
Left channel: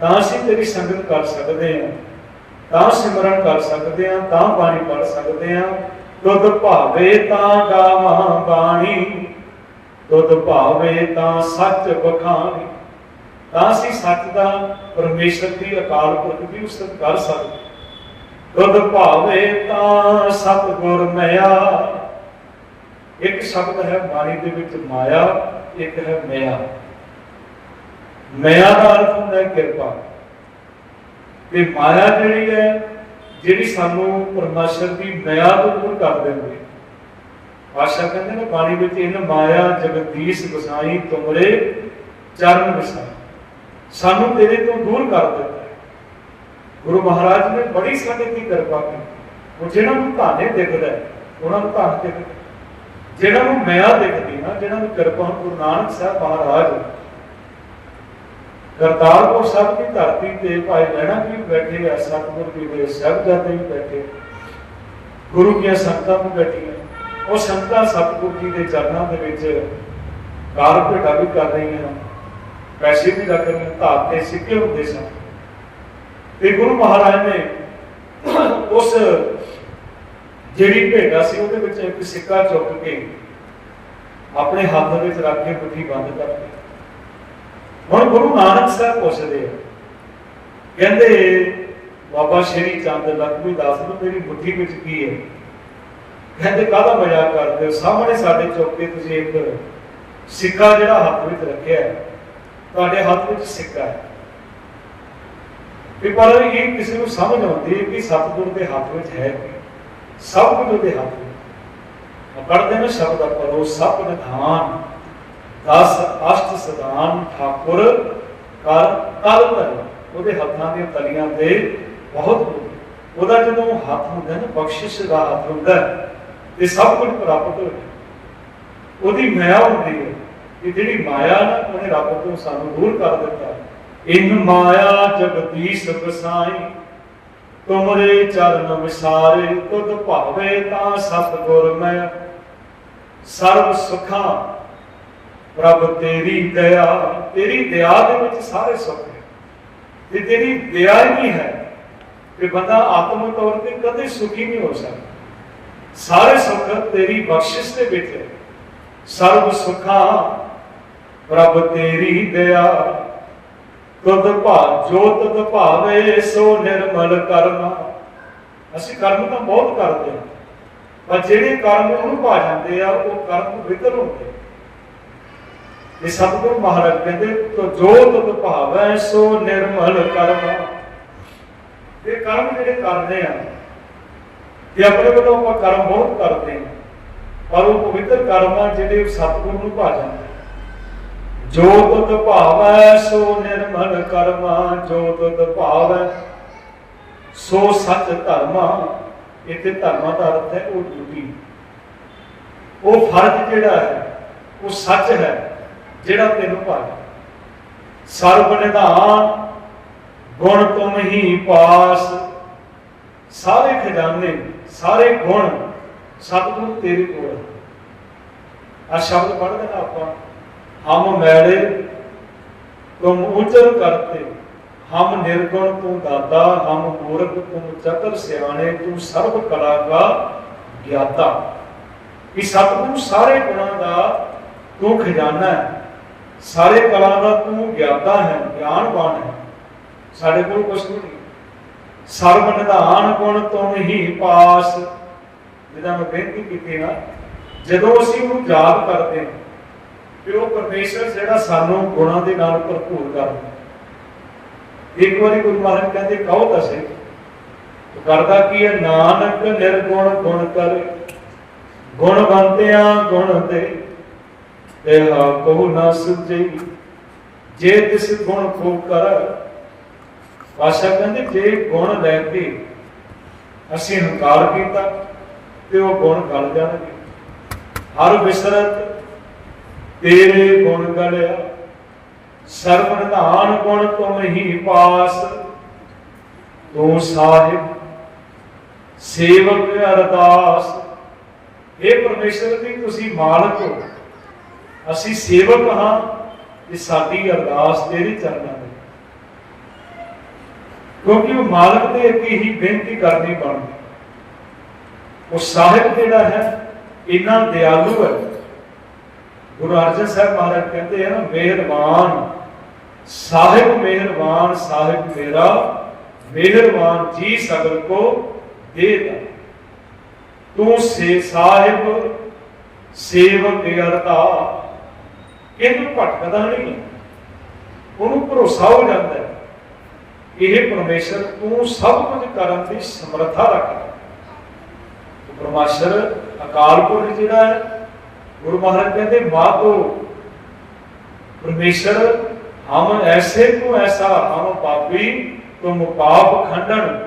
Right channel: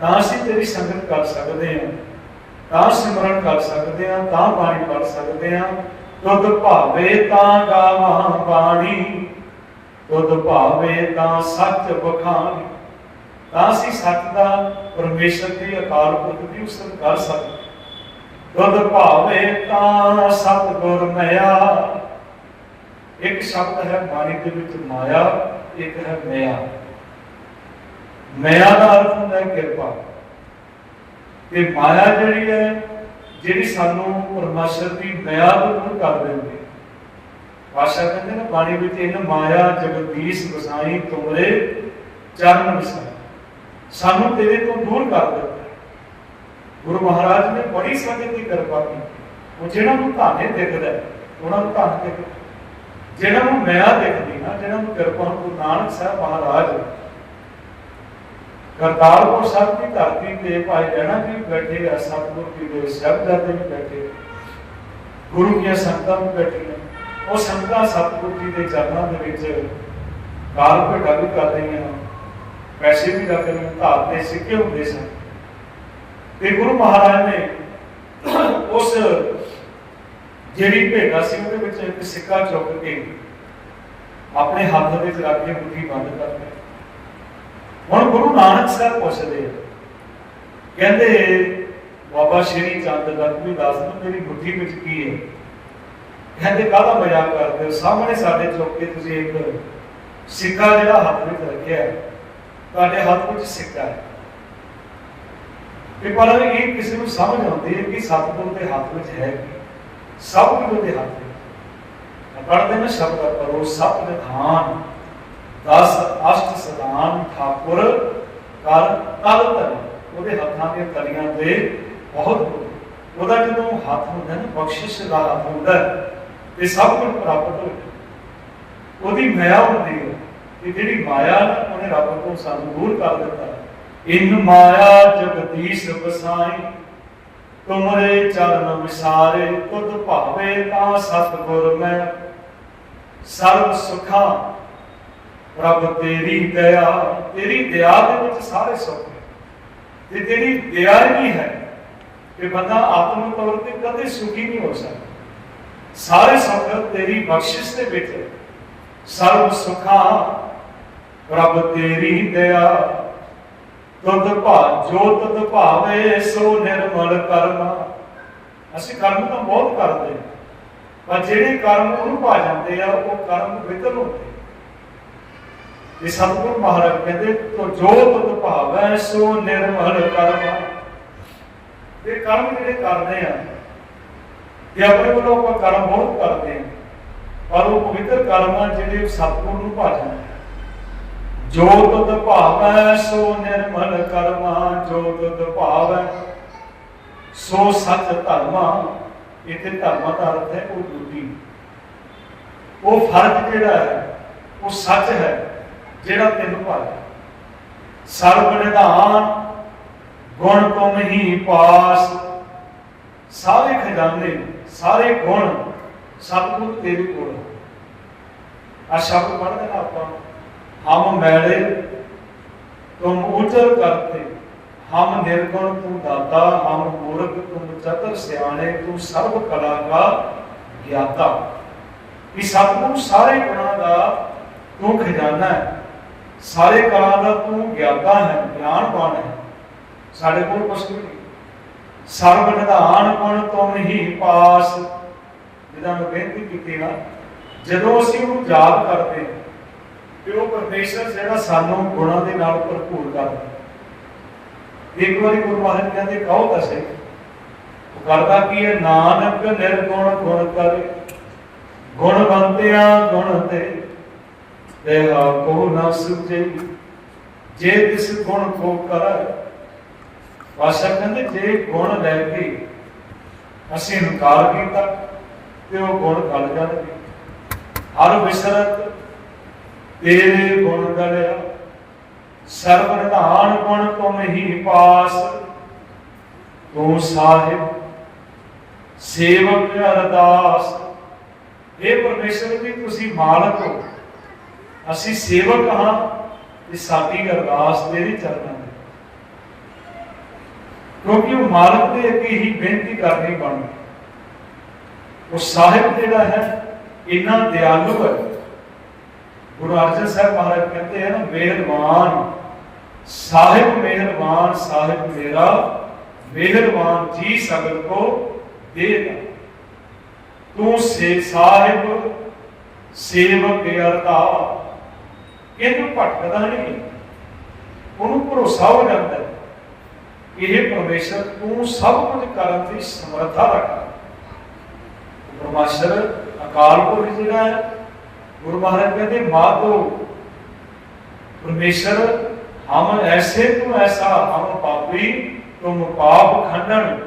ਤਾਂ ਅਸੀਂ ਤੇਰੀ ਸੰਗਤ ਕਰ ਸਕਦੇ ਹਾਂ। ਤਾਂ ਸਿਮਰਨ ਕਰ ਸਕਦੇ ਹਾਂ, ਤਾਂ ਬਾਣੀ ਪੜ੍ਹ ਸਕਦੇ ਹਾਂ। ਤੁਧ ਭਾਵੇ ਤਾਂ ਗਾਵਾਂ ਬਾਣੀ ਤੁਧ ਭਾਵੇ ਤਾਂ ਸੱਚ ਬਖਾਣੀ ਤਾਂ ਅਸੀਂ ਸੱਚ ਦਾ ਪਰਮੇਸ਼ਰ ਦੀ ਅਕਾਲ ਪੁਰਖ ਦੀ ਉਸਤਤ ਕਰ ਸਕਦੇ ਤੁਧ ਭਾਵੇ ਤਾਂ ਸਤਿਗੁਰ ਮਿਆ। ਇੱਕ ਸ਼ਬਦ ਹੈ ਬਾਣੀ ਦੇ ਵਿੱਚ ਮਾਇਆ, ਇੱਕ ਹੈ ਮਿਆ। ਮਿਆ ਦਾ ਅਰਥ ਹੁੰਦਾ ਹੈ ਕਿਰਪਾ। ਤੇ ਮਾਇਆ ਜਿਹੜੀ ਹੈ, ਜਿਹੜੀ ਸਾਨੂੰ ਪਰਮੇਸ਼ਰ ਦੀ ਮਿਆ ਤੋਂ ਦੂਰ ਕਰ ਦਿੰਦੀ ਹੈ। ਕਹਿੰਦੇ ਨੇ, ਬਾਣੀ ਵਿੱਚ ਇਹਨ ਮਾਇਆ ਜਗਦੀਸ਼ ਗਸਾਈ ਤੁਮਰੇ, ਚਰਨ ਵਸਾਈ, ਸਾਨੂੰ ਤੇਰੇ ਤੋਂ ਦੂਰ ਕਰ ਦਿੱਤਾ ਗੁਰੂ ਮਹਾਰਾਜ ਨੇ ਬੜੀ ਸੰਗਤ ਦੀ ਕਿਰਪਾ ਕੀਤੀ। ਉਹ ਜਿਹਨਾਂ ਨੂੰ ਧਾਨੇ ਦਿਖਦਾ ਉਹਨਾਂ ਨੂੰ ਧਾਨ ਦਿਖਦਾ ਜਿਹਨਾਂ ਨੂੰ ਮਿਆ ਦਿਖਦੀ ਨਾ, ਜਿਹਨਾਂ ਨੂੰ ਕਿਰਪਾ, ਗੁਰੂ ਨਾਨਕ ਸਾਹਿਬ ਮਹਾਰਾਜ ਕਰਤਾਰਪੁਰ ਸਾਹਿਬ ਦੀ ਧਰਤੀ ਤੇ ਭਾਈ ਜਣਾ ਜੀ ਬੈਠੇ ਆ, ਸਤਿਗੁਰ ਜੀ ਦੇ ਸਾਹਿਬਜ਼ਾਦੇ ਵੀ ਬੈਠੇ ਗੁਰੂ ਦੀਆਂ ਸੰਗਤਾਂ ਵੀ ਬੈਠੀਆਂ ਉਹ ਸੰਗਤਾਂ ਸਤਿਗੁਰ ਜੀ ਦੇ ਚਰਨਾਂ ਦੇ ਵਿੱਚ ਕਾਲ ਭੇਟਾ ਵੀ ਕਰ ਰਹੀਆਂ ਪੈਸੇ ਵੀ ਰੱਖ ਰਹੀਆਂ ਧਾਰ ਦੇ ਸਿੱਕੇ ਹੁੰਦੇ ਸਨ। ਤੇ ਗੁਰੂ ਮਹਾਰਾਜ ਨੇ ਉਸ ਜਿਹੜੀ ਭੇਟਾ ਸੀ, ਉਹਦੇ ਵਿੱਚ ਇੱਕ ਸਿੱਕਾ ਚੁੱਕ ਕੇ ਆਪਣੇ ਹੱਥ ਵਿੱਚ ਰੱਖ ਕੇ ਬੁੱਧੀ ਬੰਦ ਕਰ ਲਈ ਹੁਣ ਗੁਰੂ ਨਾਨਕ ਸਾਹਿਬ ਪੁੱਛਦੇ ਆ, ਕਹਿੰਦੇ, ਬਾਬਾ ਸ਼੍ਰੀ ਚੰਦ ਲਖਮੀ ਦਾਸ ਨੂੰ ਮੇਰੀ ਬੁੱਧੀ ਵਿੱਚ ਕੀ ਹੈ? ਕਹਿੰਦੇ, ਕਾਹਦਾ ਮਜ਼ਾਕ ਕਰਦੇ ਸਾਹਮਣੇ ਸਾਡੇ ਚੁੱਕ ਤੁਸੀਂ ਇੱਕ ਸਿੱਕਾ ਜਿਹੜਾ ਹੱਥ ਵਿੱਚ ਰੱਖਿਆ ਤੁਹਾਡੇ ਹੱਥ ਵਿੱਚ ਸਿੱਕਾ ਹੈ। ਕਿ ਪਰ ਇਹ ਕਿਸੇ ਨੂੰ ਸਮਝ ਆਉਂਦੀ ਹੈ ਕਿ ਸਤਿਗੁਰੂ ਦੇ ਹੱਥ ਵਿੱਚ ਹੈ ਕੀ? ਸਭ ਕੁਝ ਉਹਦੇ ਹੱਥ ਵਿੱਚ ਪੜਦੇ ਨੇ ਸ਼ਬਦ ਕਰੋ ਸਭ ਨਿਧਾਨ ਦਸ ਅਸ਼ਟ ਸਦਾਨ ਠਾਕੁਰ ਕਰ ਤਲ ਤਲੀ ਉਹਦੇ ਹੱਥਾਂ ਦੀਆਂ ਤਲੀਆਂ ਤੇ ਬਹੁਤ ਉਹਦਾ ਜਦੋਂ ਹੱਥ ਹੁੰਦਾ ਨਾ, ਬਖਸ਼ਿਸ਼ ਦਾ ਹੱਥ ਹੁੰਦਾ ਤੇ ਸਭ ਕੁਝ ਪ੍ਰਾਪਤ ਹੋ ਜਾਂਦਾ। ਉਹਦੀ ਮਾਇਆ ਹੁੰਦੀ ਹੈ ਕਿ ਜਿਹੜੀ ਮਾਇਆ ਨਾ, ਉਹਨੇ ਰੱਬ ਤੋਂ ਸਾਨੂੰ ਦੂਰ ਕਰ ਦਿੱਤਾ। ਇਨ ਮਾਇਆ ਜਗਦੀਸ਼ ਬਸਾਈ ਤੁਮਰੇ ਚਰਨ ਵਿਸਾਰੇ, ਤੁਧ ਭਾਵੇ ਤਾਂ ਸਤਿਗੁਰ ਮੈਂ। ਸਰਬ ਸੁਖਾਂ ਰੱਬ ਤੇਰੀ ਦਇਆ ਤੇਰੀ ਦਇਆ ਦੇ ਵਿੱਚ ਸਾਰੇ ਸੁੱਖ ਤੇ ਤੇਰੀ ਦਇਆ ਹੀ ਹੈ ਕਿ ਬੰਦਾ ਆਤਮ ਤੌਰ ਤੇ ਕਦੇ ਸੁਖੀ ਨਹੀਂ ਹੋ ਸਕਦਾ। ਸਾਰੇ ਸੁੱਖ ਤੇਰੀ ਬਖਸ਼ਿਸ਼ ਦੇ ਵਿੱਚ ਸਰਬ ਸੁਖਾਂ, ਰੱਬ ਤੇਰੀ ਦਇਆ। ਤੁਧ ਭਾ, ਜੋ ਤੁਧ ਭਾਵੇ, ਸੋ ਨਿਰਮਲ ਕਰਮ। ਅਸੀਂ ਕਰਮ ਤਾਂ ਬਹੁਤ ਕਰਦੇ ਹਾਂ, ਪਰ ਜਿਹੜੇ ਕਰਮ ਉਹਨੂੰ ਭਾ ਜਾਂਦੇ ਆ, ਉਹ ਕਰਮ ਵਿਤਰ ਹੁੰਦੇ ਇਹ ਸਤਿਗੁਰ ਮਹਾਰਾਜ ਕਹਿੰਦੇ, ਤੋ ਜੋ ਤੁਧ ਭਾਵੈ, ਸੋ ਨਿਰਮਲ ਕਰਮ। ਇਹ ਕਰਮ ਜਿਹੜੇ ਕਰਦੇ ਆ, ਇਹ ਆਪਣੇ ਵੱਲੋਂ ਆਪਾਂ ਕਰਮ ਬਹੁਤ ਕਰਦੇ ਆ, ਪਰ ਉਹ ਪਵਿੱਤਰ ਕਰਮ ਜਿਹੜੇ ਸਤਿਗੁਰ ਨੂੰ ਭਾ ਜਾਂਦੇ ਜੋ ਤੁਧ ਭਾਵੈ, ਸੋ ਨਿਰਮਲ ਕਰਮਾ ਜੋ ਤੁਧ ਭਾਵੈ, ਸੋ ਸੱਚ ਧਰਮਾ ਇਥੇ ਧਰਮਾ ਦਾ ਅਰਥ ਹੈ ਉਹ ਡਿਊਟੀ। ਉਹ ਫਰਜ਼ ਜਿਹੜਾ ਹੈ, ਉਹ ਸੱਚ ਹੈ। ਜਿਹੜਾ ਤੈਨੂੰ ਭਾਇਆ ਸਰਬ ਨਿਧਾਨ, ਗੁਣ ਤੁਮ ਹੀ ਪਾਸ। ਸਾਰੇ ਖਜ਼ਾਨੇ, ਸਾਰੇ ਗੁਣ ਸਤਿਗੁਰੂ ਤੇਰੇ ਕੋਲ ਆ। ਸ਼ਬਦ ਪੜ੍ਹਦੇ ਨਾ ਆਪਾਂ। ਹਮ ਮੈਲੇ ਤੁਮ ਉਜਲ ਕਰਤੇ। ਹਮ ਨਿਰਗੁਣ ਤੂੰ ਦਾਤਾ, ਹਮ ਮੂਰਖ ਤੁਮ ਚਤਰ ਸਿਆਣੇ, ਤੂੰ ਸਰਬ ਕਲਾ ਕਾ ਗਿਆਤਾ। ਇਹ ਸਤਿਗੁਰੂ ਸਾਰੇ ਗੁਣਾਂ ਦਾ ਤੂੰ ਖਜ਼ਾਨਾ ਹੈ। ਸਾਰੇ ਕਲਾ ਦਾ ਤੂੰ ਗਿਆਤਾ ਹੈ, ਗਿਆਨਵਾਨ ਹੈ। ਸਾਡੇ ਕੋਲ ਕੁਝ ਨਹੀਂ। ਸਰਬ ਨਿਧਾਨ ਗੁਣ ਤੁਮ ਹੀ ਪਾਸ। ਜਿਹਦਾ ਮੈਂ ਬੇਨਤੀ ਕੀਤੀ ਨਾ, ਜਦੋਂ ਅਸੀਂ ਉਹਨੂੰ ਯਾਦ ਕਰਦੇ ਹਾਂ, ਤੇ ਉਹ ਪਰਮੇਸ਼ਰ ਜਿਹੜਾ ਸਾਨੂੰ ਗੁਣਾਂ ਦੇ ਨਾਲ ਭਰਪੂਰ ਕਰਦਾ ਇੱਕ ਵਾਰੀ ਗੁਰੂ ਮਹਾਰਾਜ ਕਹਿੰਦੇ, ਕਹੋ ਤਾਂ ਸਹੀ। ਕਰਦਾ ਕੀ ਹੈ? ਨਾਨਕ ਨਿਰਗੁਣ ਗੁਣ ਕਰ। ਗੁਣਵੰਤਿਆਂ ਗੁਣ ਤੇ ਦੇਹਾ ਕੋ ਨਾ ਸੁਝੇ ਜੇ ਤਿਸ ਗੁਣ ਕੋ ਕਰ, ਪਾਸ਼ਾ ਕਹਿੰਦੇ, ਜੇ ਗੁਣ ਲੈ ਕੇ ਅਸੀਂ ਇਨਕਾਰ ਕੀਤਾ, ਤੇ ਉਹ ਗੁਣ ਗਲ ਜਾਣਗੇ। ਹਰ ਬਿਸਰਤ ਤੇਰੇ ਗੁਣ ਗਲਿਆ, ਸਰਬ ਨਿਧਾਨ ਗੁਣ ਤੁਮ ਹੀ ਪਾਸ। ਤੂੰ ਸਾਹਿਬ, ਸੇਵਕ ਅਰਦਾਸ। ਇਹ ਪਰਮੇਸ਼ਰ ਦੀ ਤੁਸੀਂ ਮਾਲਕ ਹੋ। ਅਸੀਂ ਸੇਵਕ ਹਾਂ ਤੇ ਸਾਡੀ ਅਰਦਾਸ ਤੇਰੇ ਚਰਨਾਂ ਵਿੱਚ ਕਿਉਂਕਿ ਉਹ ਮਾਲਕ ਦੇ ਅੱਗੇ ਹੀ ਬੇਨਤੀ ਕਰਨੀ ਬਣਦੀ। ਉਹ ਸਾਹਿਬ ਜਿਹੜਾ ਹੈ, ਇੰਨਾ ਦਿਆਲੂ ਹੈ। ਗੁਰੂ ਅਰਜਨ ਸਾਹਿਬ ਮਹਾਰਾਜ ਕਹਿੰਦੇ ਹਨ ਮਿਹਰਬਾਨ, ਸਾਹਿਬ ਮਿਹਰਬਾਨ, ਸਾਹਿਬ ਮੇਰਾ, ਮਿਹਰਬਾਨ ਜੀ ਸਗਲ ਕੋ ਦੇਦਾ ਤੂੰ ਸੇ ਸਾਹਿਬ, ਸੇਵਕ ਅਰਤਾ ਇਹਨੂੰ ਭਟਕਦਾ ਨਹੀਂ। ਉਹਨੂੰ ਭਰੋਸਾ ਹੋ ਜਾਂਦਾ ਹੈ। ਇਹ ਪਰਮੇਸ਼ਰ ਤੂੰ ਸਭ ਕੁਝ ਕਰਨ ਦੀ ਸਮਰੱਥਾ ਰੱਖਦਾ ਪਰਮੇਸ਼ਰ ਅਕਾਲ ਪੁਰਖ ਜਿਹੜਾ ਹੈ। ਗੁਰੂ ਮਹਾਰਾਜ ਕਹਿੰਦੇ ਮਾਤੋ ਪਰਮੇਸ਼ਰ, ਹਮ ਐਸੇ ਤੂੰ ਐਸਾ, ਹਮ ਪਾਪੀ ਤੁਮ ਪਾਪ ਖੰਡਨ,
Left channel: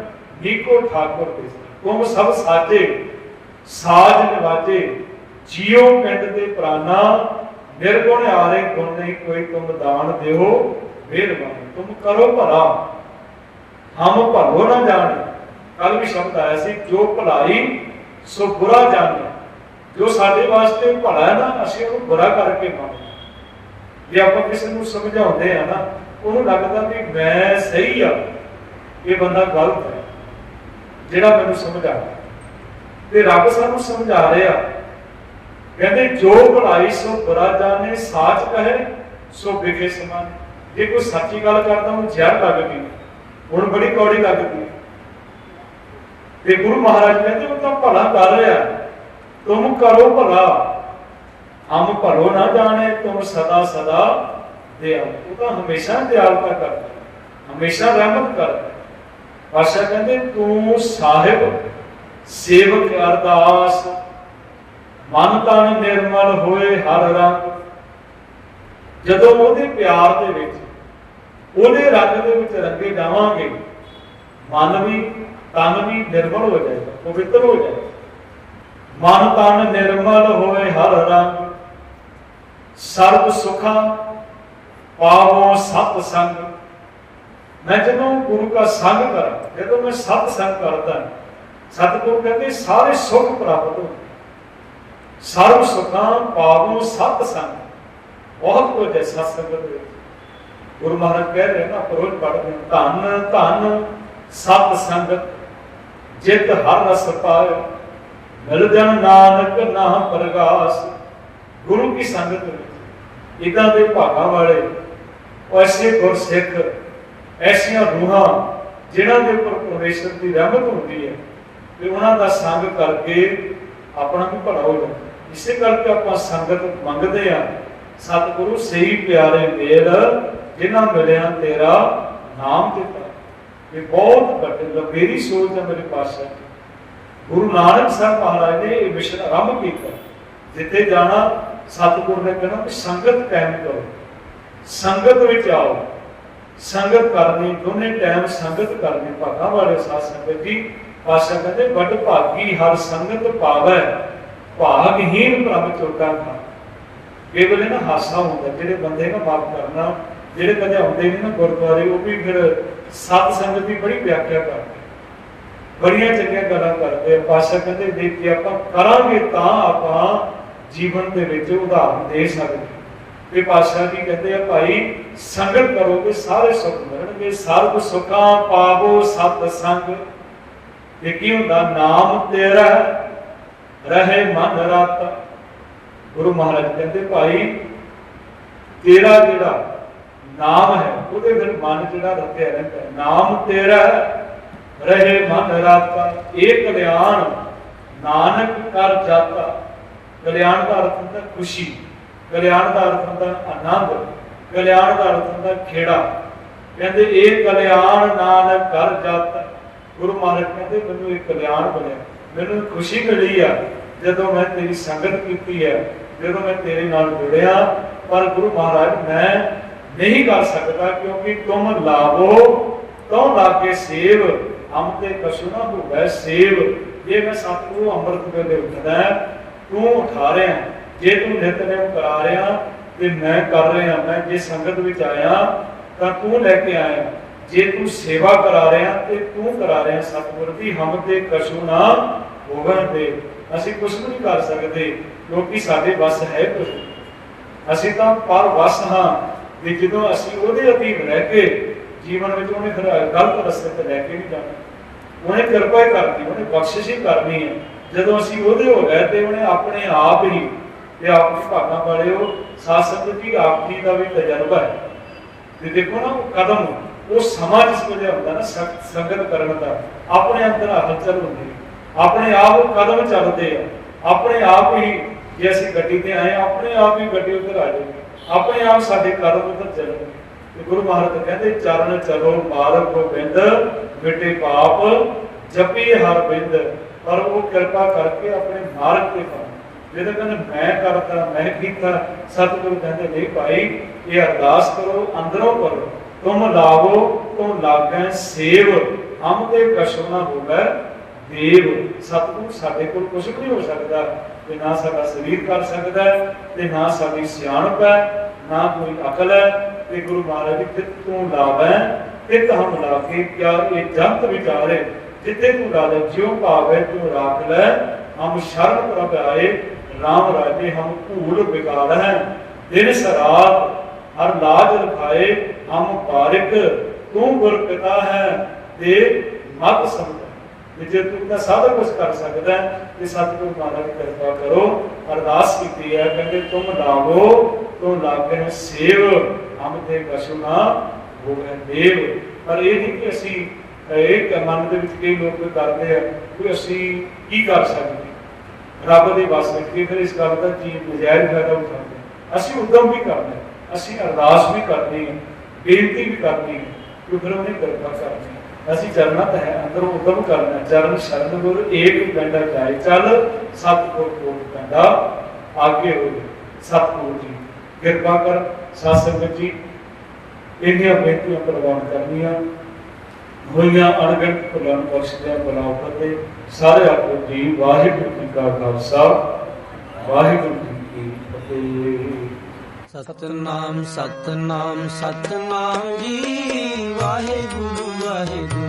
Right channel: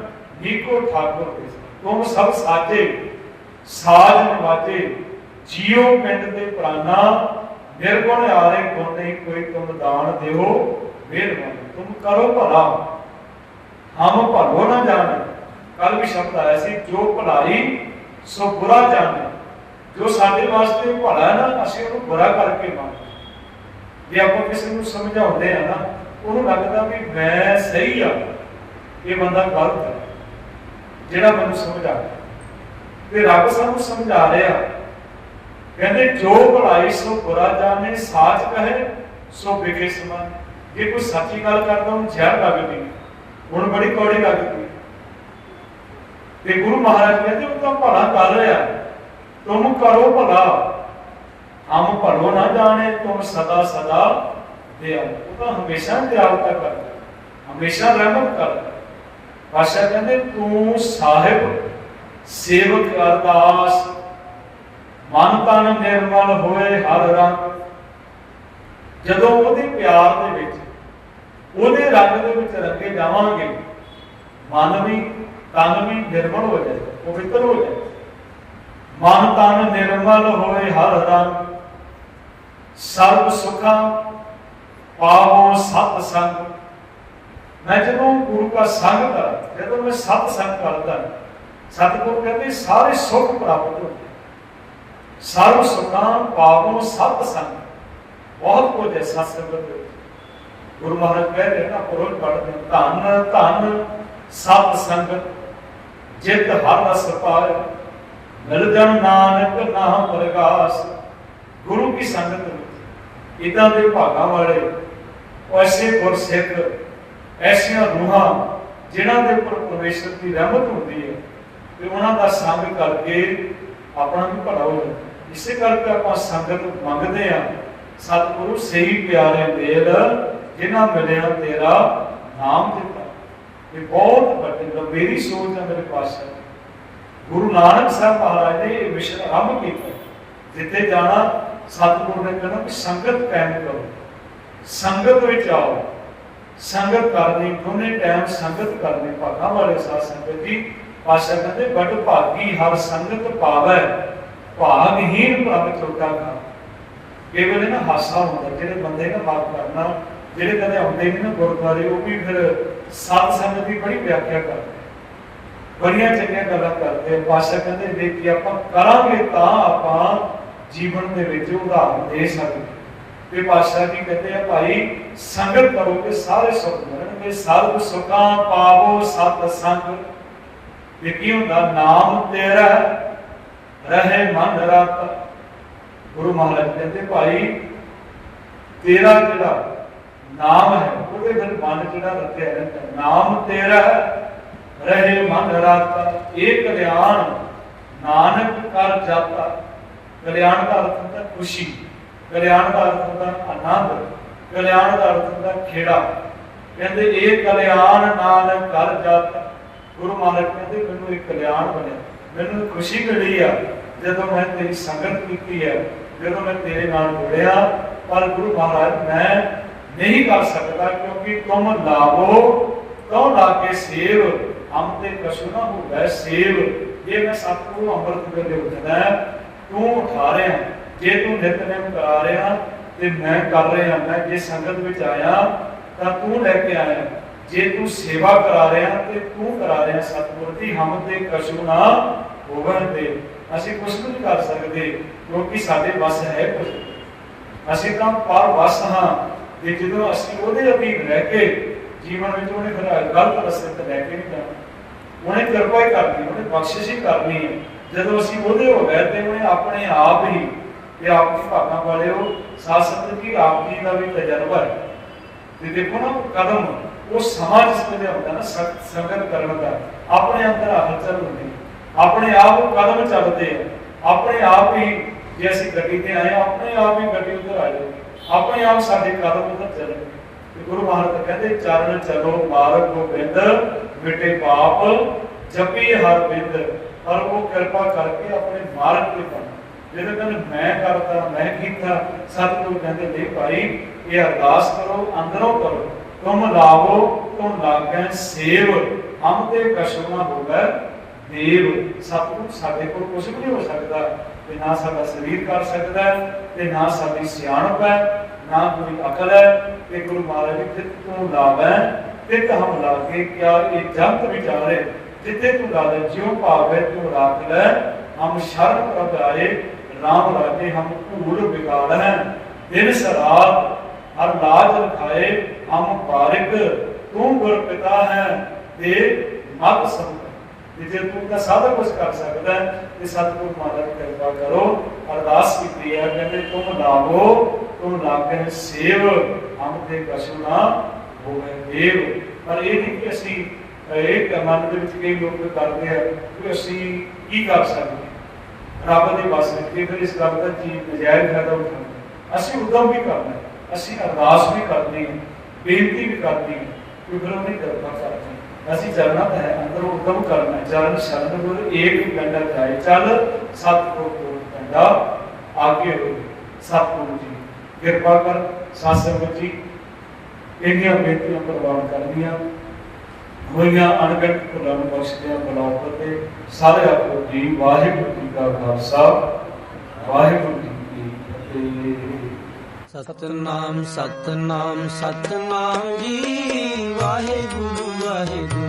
ਨੀਕੋ ਠਾਕੁਰ ਦੇ। ਤੁਮ ਸਭ ਸਾਜੇ ਸਾਜ ਨਿਵਾਜੇ ਜੀਉ ਪਿੰਡ ਦੇ ਪ੍ਰਾਨਾ ਨਿਰਗੁਣ ਆਰੇ ਗੁਣ ਨਹੀਂ ਕੋਈ ਤੁਮ ਦਾਨ ਦਿਓ ਵੇਦਵਾਨ ਤੁਮ ਕਰੋ ਭਲਾ। ਹਮ ਭਲੋ ਨਾ ਜਾਣੇ। ਕੱਲ ਵੀ ਸ਼ਬਦ ਆਇਆ ਸੀ, ਜੋ ਭਲਾਈ, ਸੋ ਬੁਰਾ ਜਾਣੇ। ਜੋ ਸਾਡੇ ਵਾਸਤੇ ਭਲਾ ਹੈ ਨਾ, ਅਸੀਂ ਉਹਨੂੰ ਬੁਰਾ ਕਰਕੇ ਮੰਨਦੇ ਜੇ ਆਪਾਂ ਕਿਸੇ ਨੂੰ ਸਮਝਾਉਂਦੇ ਆ ਨਾ, ਉਹਨੂੰ ਲੱਗਦਾ ਵੀ ਮੈਂ ਸਹੀ ਆ, ਇਹ ਬੰਦਾ ਗਲਤ ਹੈ। ਜਿਹੜਾ ਮੈਨੂੰ ਸਮਝਾ ਤੇ ਰੱਬ ਸਾਨੂੰ ਸਮਝਾ ਰਿਹਾ ਕਹਿੰਦੇ, ਜੋ ਭਲਾਈ, ਸੋ ਬੁਰਾ ਜਾਣੇ, ਸਾਚ ਕਹੇ, ਸੋ ਵਿਖੇ ਸਮਾਨ। ਜੇ ਕੋਈ ਸੱਚੀ ਗੱਲ ਕਰਦਾ, ਉਹਨੂੰ ਜ਼ਹਿਰ ਲੱਗਦੀ ਹੁਣ ਬੜੀ ਕੌੜੀ ਲੱਗਦੀ ਤੇ ਗੁਰੂ ਮਹਾਰਾਜ ਕਹਿੰਦੇ, ਉਹ ਤਾਂ ਭਲਾ ਕਰ ਰਿਹਾ ਤੁਮ ਕਰੋ ਭਲਾ। ਹਮ ਭਲੋ ਨਾ ਜਾਣੇ, ਤੁਮ ਸਦਾ ਸਦਾ ਦਿਆਲ। ਉਹ ਤਾਂ ਹਮੇਸ਼ਾ ਦਿਆਲਤਾ ਕਰਦਾ ਹਮੇਸ਼ਾ ਰਹਿਮਤ ਕਰਦਾ ਪਾਸ਼ਾ ਕਹਿੰਦੇ, ਤੂੰ ਸਾਹਿਬ, ਸੇਵਕ ਅਰਦਾਸ ਮਨ ਤਨ ਨਿਰਮਲ ਹੋਏ ਹਰ ਰੰਗ। ਜਦੋਂ ਉਹਦੇ ਪਿਆਰ ਦੇ ਵਿੱਚ, ਉਹਦੇ ਰੰਗ ਦੇ ਵਿੱਚ ਰੰਗੇ ਜਾਵਾਂਗੇ, ਮਨ ਵੀ, ਤਨ ਵੀ ਨਿਰਮਲ ਹੋ ਜਾਏ, ਪਵਿੱਤਰ ਹੋ ਜਾਏ। ਮਨ ਤਨ ਨਿਰਮਲ ਹੋਏ ਹਰ ਰੰਗ। ਸਰਬ ਸੁਖਾਂ ਪਾਵੋ ਸਤ ਸੰਗ। ਮੈਂ ਜਦੋਂ ਗੁਰੂ ਦਾ ਸੰਗ ਕਰਾਂ, ਜਦੋਂ ਮੈਂ ਸਤ ਸੰਗ ਕਰਦਾ, ਸਤਿਗੁਰੂ ਕਹਿੰਦੇ, ਸਾਰੇ ਸੁਖ ਪ੍ਰਾਪਤ ਹੁੰਦੇ। ਸਰਬ ਸੁਖਾਂ ਪਾਵੋ ਸਤ ਸੰਗ। ਬਹੁਤ ਕੁਝ ਹੈ ਸਤ ਸੰਗਤ ਦੇ ਗੁਰੂ ਮਹਾਰਾਜ ਕਹਿ ਰਹੇ ਨਾ ਪਰੋਜ ਪੜਦੇ ਧੰਨ ਧੰਨ ਸਤ ਸੰਗਤ। ਜਿਤ ਹਰ ਰਸ ਪਾਏ। ਮਿਲ ਜਨ ਨਾਨਕ ਨਾਮ ਪ੍ਰਗਾਸ। ਗੁਰੂ ਕੀ ਸੰਗਤ ਵਿੱਚ। ਇਦਾਂ ਦੇ ਭਾਗਾਂ ਵਾਲੇ ਐਸੇ ਗੁਰਸਿੱਖ, ਐਸੀਆਂ ਰੂਹਾਂ, ਜਿਨ੍ਹਾਂ ਦੇ ਉੱਪਰ ਪਰਮੇਸ਼ਰ ਦੀ ਰਹਿਮਤ ਹੁੰਦੀ ਹੈ, ਤੇ ਉਹਨਾਂ ਦਾ ਸੰਗ ਕਰਕੇ ਆਪਣਾ ਵੀ ਭਲਾ ਹੋ ਜਾਂਦਾ। ਇਸੇ ਕਰਕੇ ਆਪਾਂ ਸੰਗਤ ਮੰਗਦੇ ਆ ਸਤਿਗੁਰੂ ਸਹੀ ਪਿਆਰੇ ਮੇਲ, ਜਿਨ੍ਹਾਂ ਮਿਲਿਆ ਤੇਰਾ ਨਾਮ ਦਿੱਤਾ। ਇਹ ਬਹੁਤ ਵੱਡੀ, ਲੰਬੇਰੀ ਸੋਚ ਹੈ ਮੇਰੇ ਪਾਸ ਗੁਰੂ ਨਾਨਕ ਸਾਹਿਬ ਮਹਾਰਾਜ ਨੇ ਇਹ ਮਿਸ਼ਨ ਆਰੰਭ ਕੀਤਾ। ਜਿੱਥੇ ਜਾਣਾ, ਸਤਿਗੁਰੂ ਨੇ ਕਹਿਣਾ ਕਿ ਸੰਗਤ ਕਾਇਮ ਕਰੋ। ਸੰਗਤ ਵਿੱਚ ਆਓ। ਸੰਗਤ ਕਰਨੀ, ਦੋਨੇ ਟਾਈਮ ਸੰਗਤ ਕਰਨੀ। ਭਾਗਾਂ ਵਾਲੇ ਸਾਧ ਸੰਗਤ ਜੀ ਪਾਸ਼ਾ ਕਹਿੰਦੇ, ਵੱਡ ਭਾਗੀ ਹਰ ਸੰਗਤ ਪਾਵੈ। ਭਾਗਹੀਨ ਪ੍ਰਭ ਚੋਟਾ ਖਾ ਇਹ ਵੇਲੇ ਨਾ ਹਾਸਾ ਹੁੰਦਾ, ਜਿਹੜੇ ਬੰਦੇ ਨਾ ਮਾਫ ਕਰਨਾ, ਜਿਹੜੇ ਕਦੇ ਆਉਂਦੇ ਨਹੀਂ ਨਾ ਗੁਰਦੁਆਰੇ, ਉਹ ਵੀ ਫਿਰ ਸਤ ਸੰਗਤ ਦੀ ਬੜੀ ਵਿਆਖਿਆ ਕਰਦੇ ਬੜੀਆਂ ਚੰਗੀਆਂ ਗੱਲਾਂ ਕਰਦੇ ਪਾਸ਼ਾ ਕਹਿੰਦੇ, ਦੇਖ ਕੇ ਆਪਾਂ ਕਰਾਂਗੇ ਤਾਂ ਆਪਾਂ ਜੀਵਨ ਦੇ ਵਿੱਚ ਉਦਾਹਰਨ ਦੇ ਸਕਦੇ ਤੇ ਪਾਤਸ਼ਾਹ ਜੀ ਕਹਿੰਦੇ ਆ, ਭਾਈ, ਸੰਗਤ ਕਰੋਗੇ, ਸਾਰੇ ਸੁਖ ਮਿਲਣਗੇ। ਸਰਬ ਸੁਖਾਂ ਪਾਵੋ ਸਤ ਸੰਗ। ਇਹ ਕੀ ਹੁੰਦਾ? ਨਾਮ ਤੇਰਾ ਰਹੇ ਮਨ ਰਤ। ਗੁਰੂ ਮਹਾਰਾਜ ਕਹਿੰਦੇ, ਭਾਈ, ਤੇਰਾ ਜਿਹੜਾ ਨਾਮ ਹੈ, ਉਹਦੇ ਵਿੱਚ ਮਨ ਜਿਹੜਾ ਰੱਖਿਆ ਰਹਿੰਦਾ। ਨਾਮ ਤੇਰਾ ਰਹੇ ਮਨ ਰਤ। ਇਹ ਕਲਿਆਣ ਨਾਨਕ ਕਰ ਜਾਤਾ। ਕਲਿਆਣ ਦਾ ਅਰਥ ਹੁੰਦਾ ਖੁਸ਼ੀ। ਕਲਿਆਣ ਦਾ ਅਰਥ ਹੁੰਦਾ ਆਨੰਦ। ਕਲਿਆਣ ਦਾ ਅਰਥ ਹੁੰਦਾ ਖੇੜਾ। ਕਹਿੰਦੇ, ਇਹ ਕਲਿਆਣ ਨਾਨਕ ਕਰ ਜਾਤਾ। ਗੁਰੂ ਮਹਾਰਾਜ ਕਹਿੰਦੇ, ਮੈਨੂੰ ਇਹ ਕਲਿਆਣ ਬਣਿਆ। ਮੈਨੂੰ ਖੁਸ਼ੀ ਮਿਲੀ ਆ। ਜਦੋਂ ਮੈਂ ਤੇਰੀ ਸੰਗਤ ਕੀਤੀ ਹੈ, ਜਦੋਂ ਮੈਂ ਤੇਰੇ ਨਾਲ ਜੁੜਿਆ, ਪਰ ਗੁਰੂ ਮਹਾਰਾਜ, ਮੈਂ ਨਹੀਂ ਕਰ ਸਕਦਾ ਕਿਉਂਕਿ ਤੁਮ ਲਾਵੋ ਤਉ ਲਾਗੇ ਸੇਵ? ਹਮ ਤੇ ਕਛੂ ਨਾ ਹੋਵੇ ਸੇਵ। ਜੇ ਮੈਂ ਸਤਿਗੁਰੂ ਅੰਮ੍ਰਿਤ ਵੇਲੇ ਉੱਠਦਾ ਤੂੰ ਉਠਾ ਰਿਹਾ ਜੇ ਤੂੰ ਨਿਤਨੇਮ ਕਰਾ ਰਿਹਾ ਤੇ ਮੈਂ ਕਰ ਰਿਹਾ ਮੈਂ ਜੇ ਸੰਗਤ ਵਿੱਚ ਆਇਆ, ਤਾਂ ਤੂੰ ਲੈ ਕੇ ਆਇਆ ਜੇ ਤੂੰ ਸੇਵਾ ਕਰਾ ਰਿਹਾ ਤੇ ਤੂੰ ਕਰਾ ਰਿਹਾ ਸਤਿਗੁਰ ਦੀ ਹਮ ਤੇ ਕਛੂ ਨਾ ਹੋਵੇ ਤੇ ਅਸੀਂ ਕੁਝ ਵੀ ਨਹੀਂ ਕਰ ਸਕਦੇ। ਕਿਉਂਕਿ ਸਾਡੇ ਵੱਸ ਹੈ ਕੁਝ ਅਸੀਂ ਤਾਂ ਪਰ ਵਸ ਹਾਂ ਤੇ ਜਦੋਂ ਅਸੀਂ ਉਹਦੇ ਅਧੀਨ ਰਹਿ ਕੇ ਜੀਵਨ ਵਿੱਚ ਉਹਨੇ ਫਿਰ ਗਲਤ ਰਸਤੇ ਤੇ ਲੈ ਕੇ ਨਹੀਂ ਜਾਣਾ। ਉਹਨੇ ਕਿਰਪਾ ਹੀ ਕਰਨੀ, ਉਹਨੇ ਬਖਸ਼ਿਸ਼ ਹੀ ਕਰਨੀ ਹੈ। ਜਦੋਂ ਅਸੀਂ ਉਹਦੇ ਹੋ ਗਏ ਤੇ ਉਹਨੇ ਆਪਣੇ ਆਪ ਹੀ ਤੇ ਆਪ ਦੀ ਵਾਲਿਓ, ਸਾਧ ਸੰਗਤ ਜੀ ਆਪ ਜੀ ਦਾ ਵੀ ਤਜਰਬਾ ਹੈ। ਤੇ ਦੇਖੋ ਨਾ ਉਹ ਕਦਮ, ਉਹ ਸਮਾਂ ਜਿਸ ਵੇਲੇ ਹੁੰਦਾ ਨਾ ਸੰਗਤ ਕਰਨ ਦਾ, ਆਪਣੇ ਅੰਦਰ ਹਲਚਲ ਹੁੰਦੀ ਆਪਣੇ ਆਪ ਕਦਮ ਚੱਲਦੇ ਆ। ਆਪਣੇ ਆਪ ਹੀ ਜੇ ਅਸੀਂ ਗੱਡੀ ਤੇ ਆਏ ਹਾਂ, ਆਪਣੇ ਆਪ ਹੀ ਗੱਡੀ ਉੱਧਰ ਆ ਜਾਏ ਆਪਣੇ ਆਪ ਸਾਡੇ ਕਦਮ ਉੱਧਰ ਚੱਲਣਗੇ ਤੇ ਗੁਰੂ ਮਹਾਰਾਜ ਕਹਿੰਦੇ ਚਰਨ ਚਲੋ ਮਾਰਗ ਗੋਬਿੰਦ ਮਿਟੇ ਪਾਪ ਜਪੀ ਹਰ ਬਿੰਦ। ਪਰ ਉਹ ਕਿਰਪਾ ਕਰਕੇ ਆਪਣੇ ਮਾਰਗ ਤੇ ਕਰ ਜਿਹਦੇ ਕਹਿੰਦੇ ਮੈਂ ਕਰਦਾ ਮੈਂ ਕੀਤਾ ਸਤਿਗੁਰੂ ਕਹਿੰਦੇ ਨਹੀਂ ਭਾਈ ਇਹ ਅਰਦਾਸ ਕਰੋ ਅੰਦਰੋਂ ਕਰੋ। ਤੁਮ ਲਾਵੋ ਤੁਮ ਲਾਗੈ ਸੇਵ। ਹਮ ਤੇ ਕਛੁ ਹੋਵੇ ਦੇਵ ਸਤਿਗੁਰੂ ਸਾਡੇ ਕੋਲ ਕੁਝ ਵੀ ਨਹੀਂ ਹੋ ਸਕਦਾ। ਤੇ ਨਾ ਸਾਡਾ ਸਰੀਰ ਕਰ ਸਕਦਾ ਹੈ, ਤੇ ਨਾ ਸਾਡੀ ਸਿਆਣਪ ਹੈ ਨਾ ਕੋਈ ਅਕਲ ਹੈ। ਤੇ ਗੁਰੂ ਮਹਾਰਾਜ ਜੀ ਤੇ ਤੂੰ ਲਾਵੈ ਤਿਤ ਹਮ ਲਾਗੇ ਕਿਆ ਇਹ ਜੰਤ ਵਿਚਾਰੇ ਜਿੱਥੇ ਤੂੰ ਲਾਲੇ ਜਿਉ ਭਾਵੇ ਤੂੰ ਰੱਖ ਲੈ। ਹਮ ਸ਼ਰਨ ਪ੍ਰਭ ਆਏ ਰਾਮ ਰਾਜੇ ਹਮ ਭੂਲ ਬਿਗਾੜ ਹੈ। ਦਿਨ ਸਰਾਤ ਹਰ ਲਾਜ ਰਖਾਏ ਹਮ ਬਾਰਿਕ ਤੂੰ ਗੁਰ ਪਿਤਾ ਹੈ ਤੇ ਮਤ ਸੰਤ ਤੇ ਜੇ ਤੂੰ ਤਾਂ ਸਾਰਾ ਕੁਝ ਕਰ ਸਕਦਾ ਹੈ, ਤੇ ਸਤਿਗੁਰੂ ਮਹਾਰਾਜ ਦੀ ਕਿਰਪਾ ਕਰੋ ਅਰਦਾਸ ਕੀਤੀ ਹੈ ਕਹਿੰਦੇ ਤੁਮ ਲਾਵੋ ਤੁਮ ਲਾਗੇ ਸੇਵ ਹਮ ਤੇ ਕਛੁ ਨਾ ਹੋਵੇ ਦੇਵ। ਪਰ ਇਹ ਨਹੀਂ ਕਿ ਅਸੀਂ ਇਹ ਮਨ ਦੇ ਵਿੱਚ ਕਈ ਲੋਕ ਕਰਦੇ ਆ ਕਿ ਅਸੀਂ ਕੀ ਕਰ ਸਕਦੇ ਰੱਬ ਦੇ ਵੱਸ ਵਿੱਚ ਵੀ ਫਿਰ ਇਸ ਗੱਲ ਦਾ ਜੀ ਨਜਾਇਜ਼ ਫਾਇਦਾ ਉਠਾਉਂਦੇ ਅਸੀਂ ਉਦਮ ਵੀ ਕਰਨਾ ਅਸੀਂ ਅਰਦਾਸ ਵੀ ਕਰਨੀ ਬੇਨਤੀ ਵੀ ਕਰਨੀ ਕਿ ਫਿਰ ਉਹਨੇ ਕਿਰਪਾ ਕਰਨੀ ਅਸੀਂ ਚਰਨਾਂ ਹੈ, ਅੰਦਰੋਂ ਉਦਮ ਕਰਨਾ ਹੈ। ਸ਼ਰਨ ਗੁਰ ਏਕ ਗੰਡਾ ਜਾਏ। ਚੱਲ ਸਤਿਗੁਰ ਕੋਲ ਕੰਡਾ ਆਗੇ ਹੋ ਸਤਿਗੁਰੂ ਜੀ, ਕਿਰਪਾ ਕਰ ਸਾਧ ਸੰਗਤ ਜੀ ਇਹਦੀਆਂ ਬੇਨਤੀਆਂ ਪ੍ਰਵਾਨ ਕਰਨੀਆਂ। ਹੋਈਆਂ ਅਣਗਿਣਤ ਭੁੱਲਾਂ ਨੂੰ ਬਖਸ਼ ਦਿਆ ਬਲਾਉ ਸਾਰੇ ਆਪੋ ਜੀ, ਵਾਹਿਗੁਰੂ ਜੀ ਕਾ ਖਾਲਸਾ। ਵਾਹਿਗੁਰੂ ਜੀ ਕੀ ਫਤਿਹ। ਸਤਨਾਮ ਸਤਨਾਮ ਸਤਨਾਮ ਜੀ। ਵਾਹਿਗੁਰੂ ਵਾਹਿਗੁਰੂ।